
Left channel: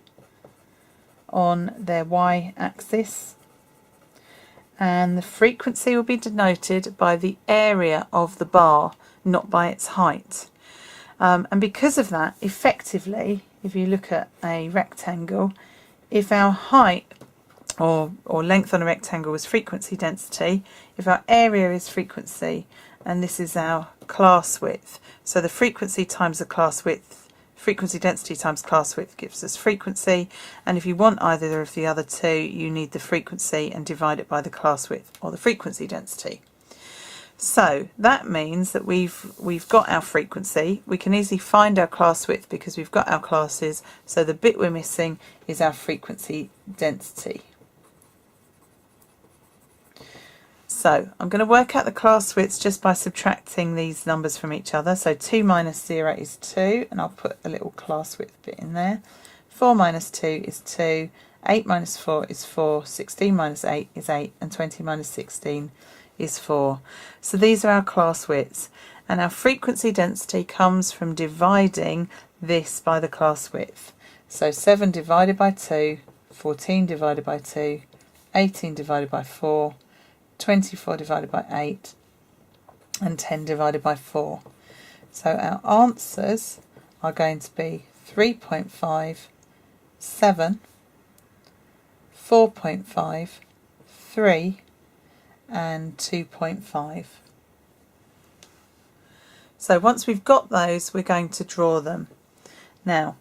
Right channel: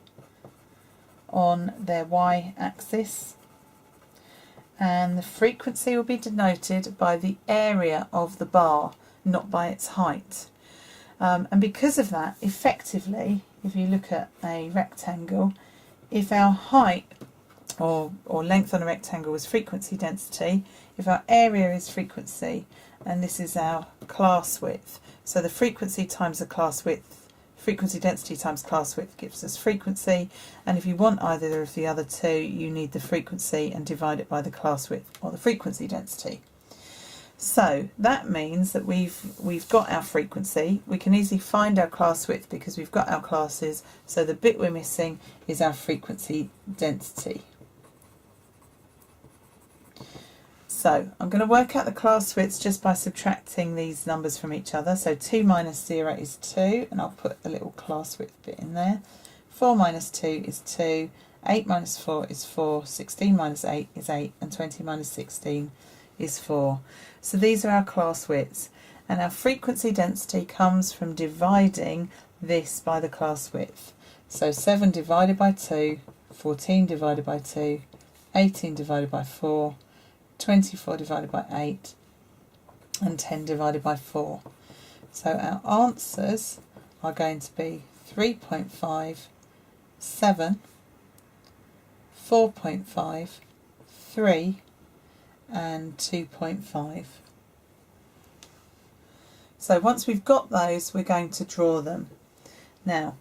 on their y-axis, and the frequency will be denoted by the area of the bar, not by its height. And because of that, effectively, if you look at a rectangle, if our height or length on a rectangle is frequency density, if our area is frequency, and this is our class width, so the frequency times the class width, frequency density times class width gives us frequency, and if you want either of the other two, you need the frequency and divide it by the class width or the frequency density. So that means that we've got our frequency. We can easily find our class width because we've got our classes, so the bit we're missing is our frequency density. So I'm going to work out the class widths just by subtracting these numbers from each other. So 2 minus 0 is 2, and I'll put a little class width bit in there. 4 minus 2 is 2, 8 minus 4 is 4, 16 minus 8 is 8, and 20 minus 16 is 4. So these are our class widths, and our frequency density comes from dividing this by the class width. So 7 divided by 2, 14 divided by 2, 18 divided by 4, 24 divided by 8, and 10 divided by 4. So our answers are going to be 3.5, 7, 4.5, 3 and 2.5. So once we've got those, we're going to draw them. Now,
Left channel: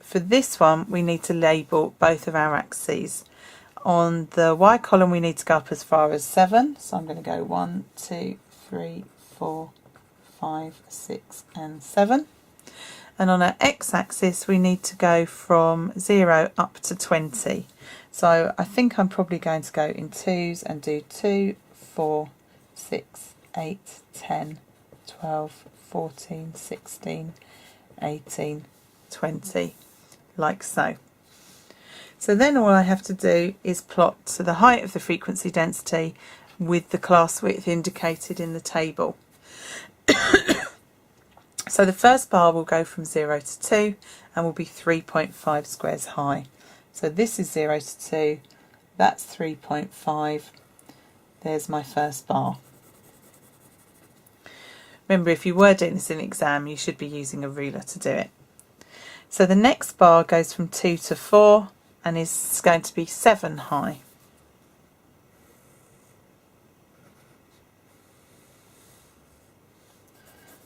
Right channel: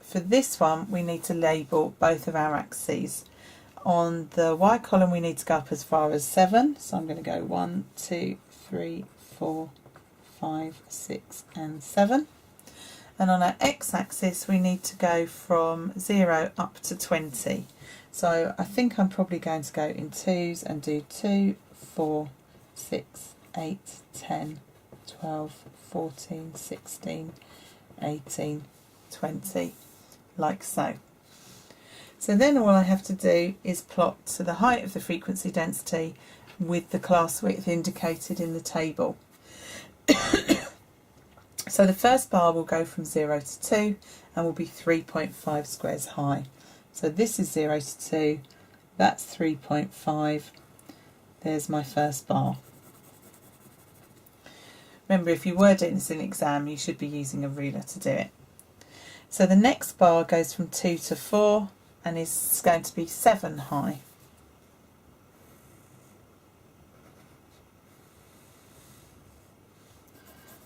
for this one, we need to label both of our axes. On the Y column, we need to go up as far as 7. So I'm going to go 1, 2, 3, 4, 5, 6 and 7. And on our x-axis, we need to go from 0 up to 20. So I think I'm probably going to go in 2s and do 2, 4, 6, 8, 10, 12, 14, 16, 18, 20, like so. So then all I have to do is plot to the height of the frequency density with the class width indicated in the table. So the first bar will go from 0 to 2 and will be 3.5 squares high. So this is 0 to 2, that's 3.5, there's my first bar. Remember, if you were doing this in an exam, you should be using a ruler to do it. So the next bar goes from 2 to 4 and is going to be 7 high.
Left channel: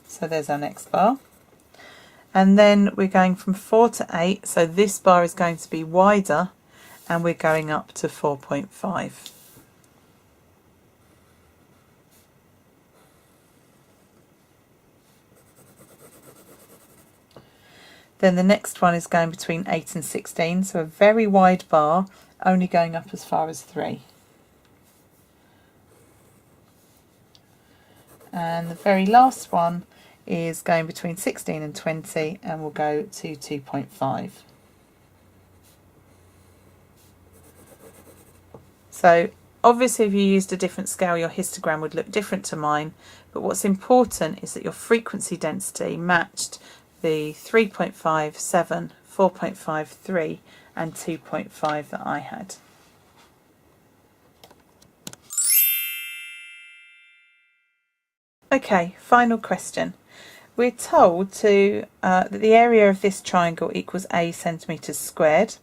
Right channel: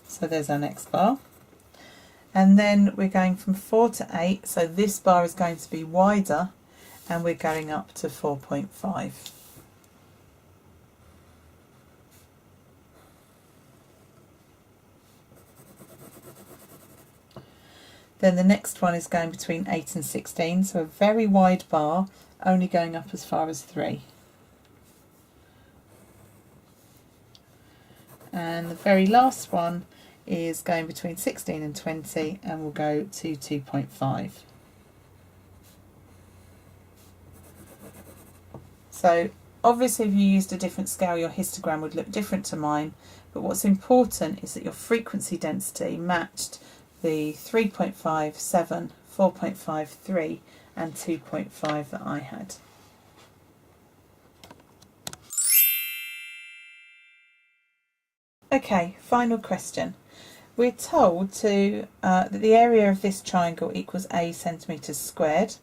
So there's our next bar. And then we're going from 4 to 8, so this bar is going to be wider and we're going up to 4.5. Then the next one is going between 8 and 16, so a very wide bar, only going up as far as 3. And the very last one is going between 16 and 20 and will go to 2.5. So obviously if you used a different scale, your histogram would look different to mine, but what's important is that your frequency density matched the 3.5, 7, 4.5, 3 and 2.5 that I had. Okay, final question. We're told that the area of this triangle equals a centimetres squared,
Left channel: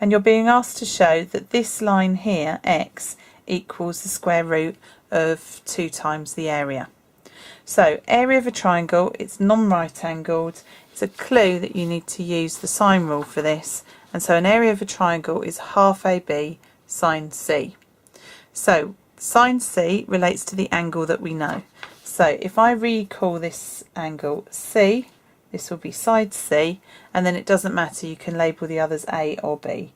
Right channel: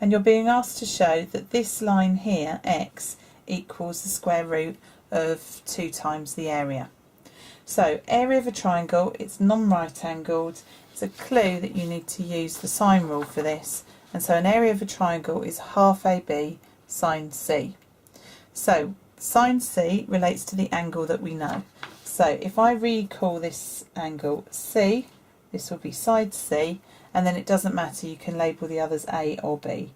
and you're being asked to show that this line here, x, equals the square root of 2 times the area. So, area of a triangle, it's non-right angled. It's a clue that you need to use the sine rule for this, and so an area of a triangle is half AB sine C. So, sine C relates to the angle that we know. So if I recall this angle C, this will be side C, and then it doesn't matter, you can label the others A or B.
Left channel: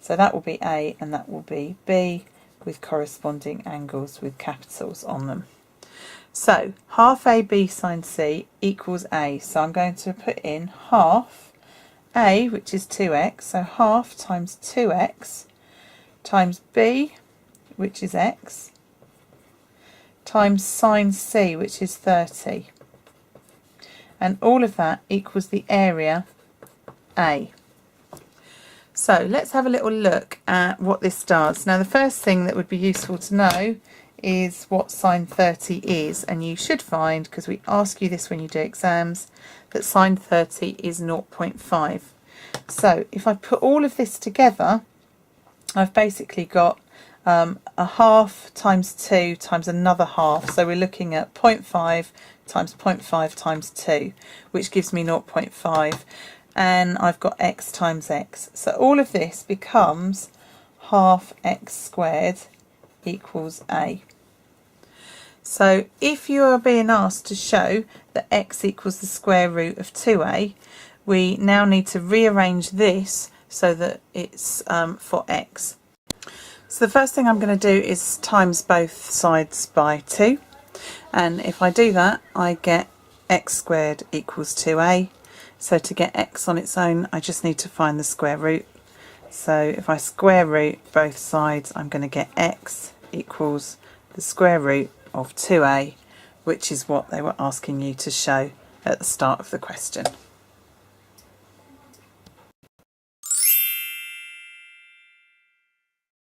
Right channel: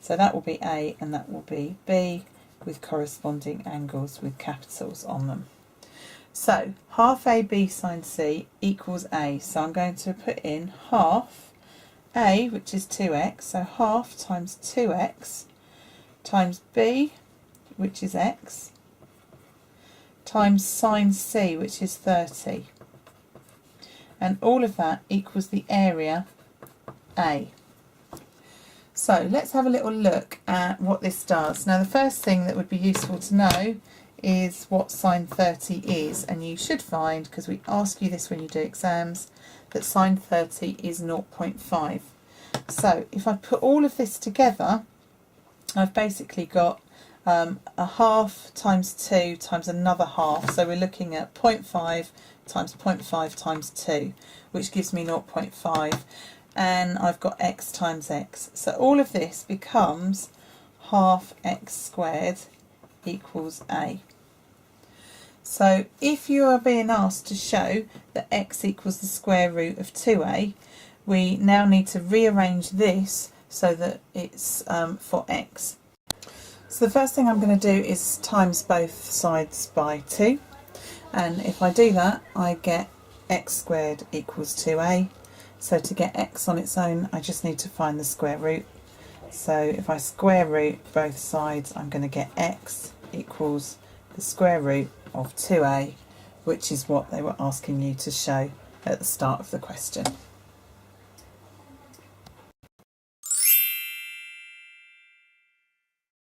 So that will be A and that will be B with corresponding angles with capitals on them. So half AB sine C equals A, so I'm going to put in half A, which is 2x, so half times 2x times B, which is x, times sine C, which is 30. And all of that equals the area A. So let's have a little look at what this does. Now the first thing that would be useful to know is what sine 30 is, and you should find, because we ask you this when you do exams, that sine 30 is 0.5. So if I put all of this together, I've basically got a half times 2 times another half, so we're looking at 0.5 times 0.5 times 2, which gives me 0.5, and I've got x times x. So all of this becomes half x squared equals A. So if you are being asked to show that x equals the square root of 2a, we now need to rearrange this so that it's for x. So the first thing I'm going to do is times both sides by 2, and if I do that I get x squared equals 2a. So to get x on its own I just need to find the square root. So if I square root both sides I'm going to get x equals the square root of 2a, which is what they were asking you to show at the start of the question.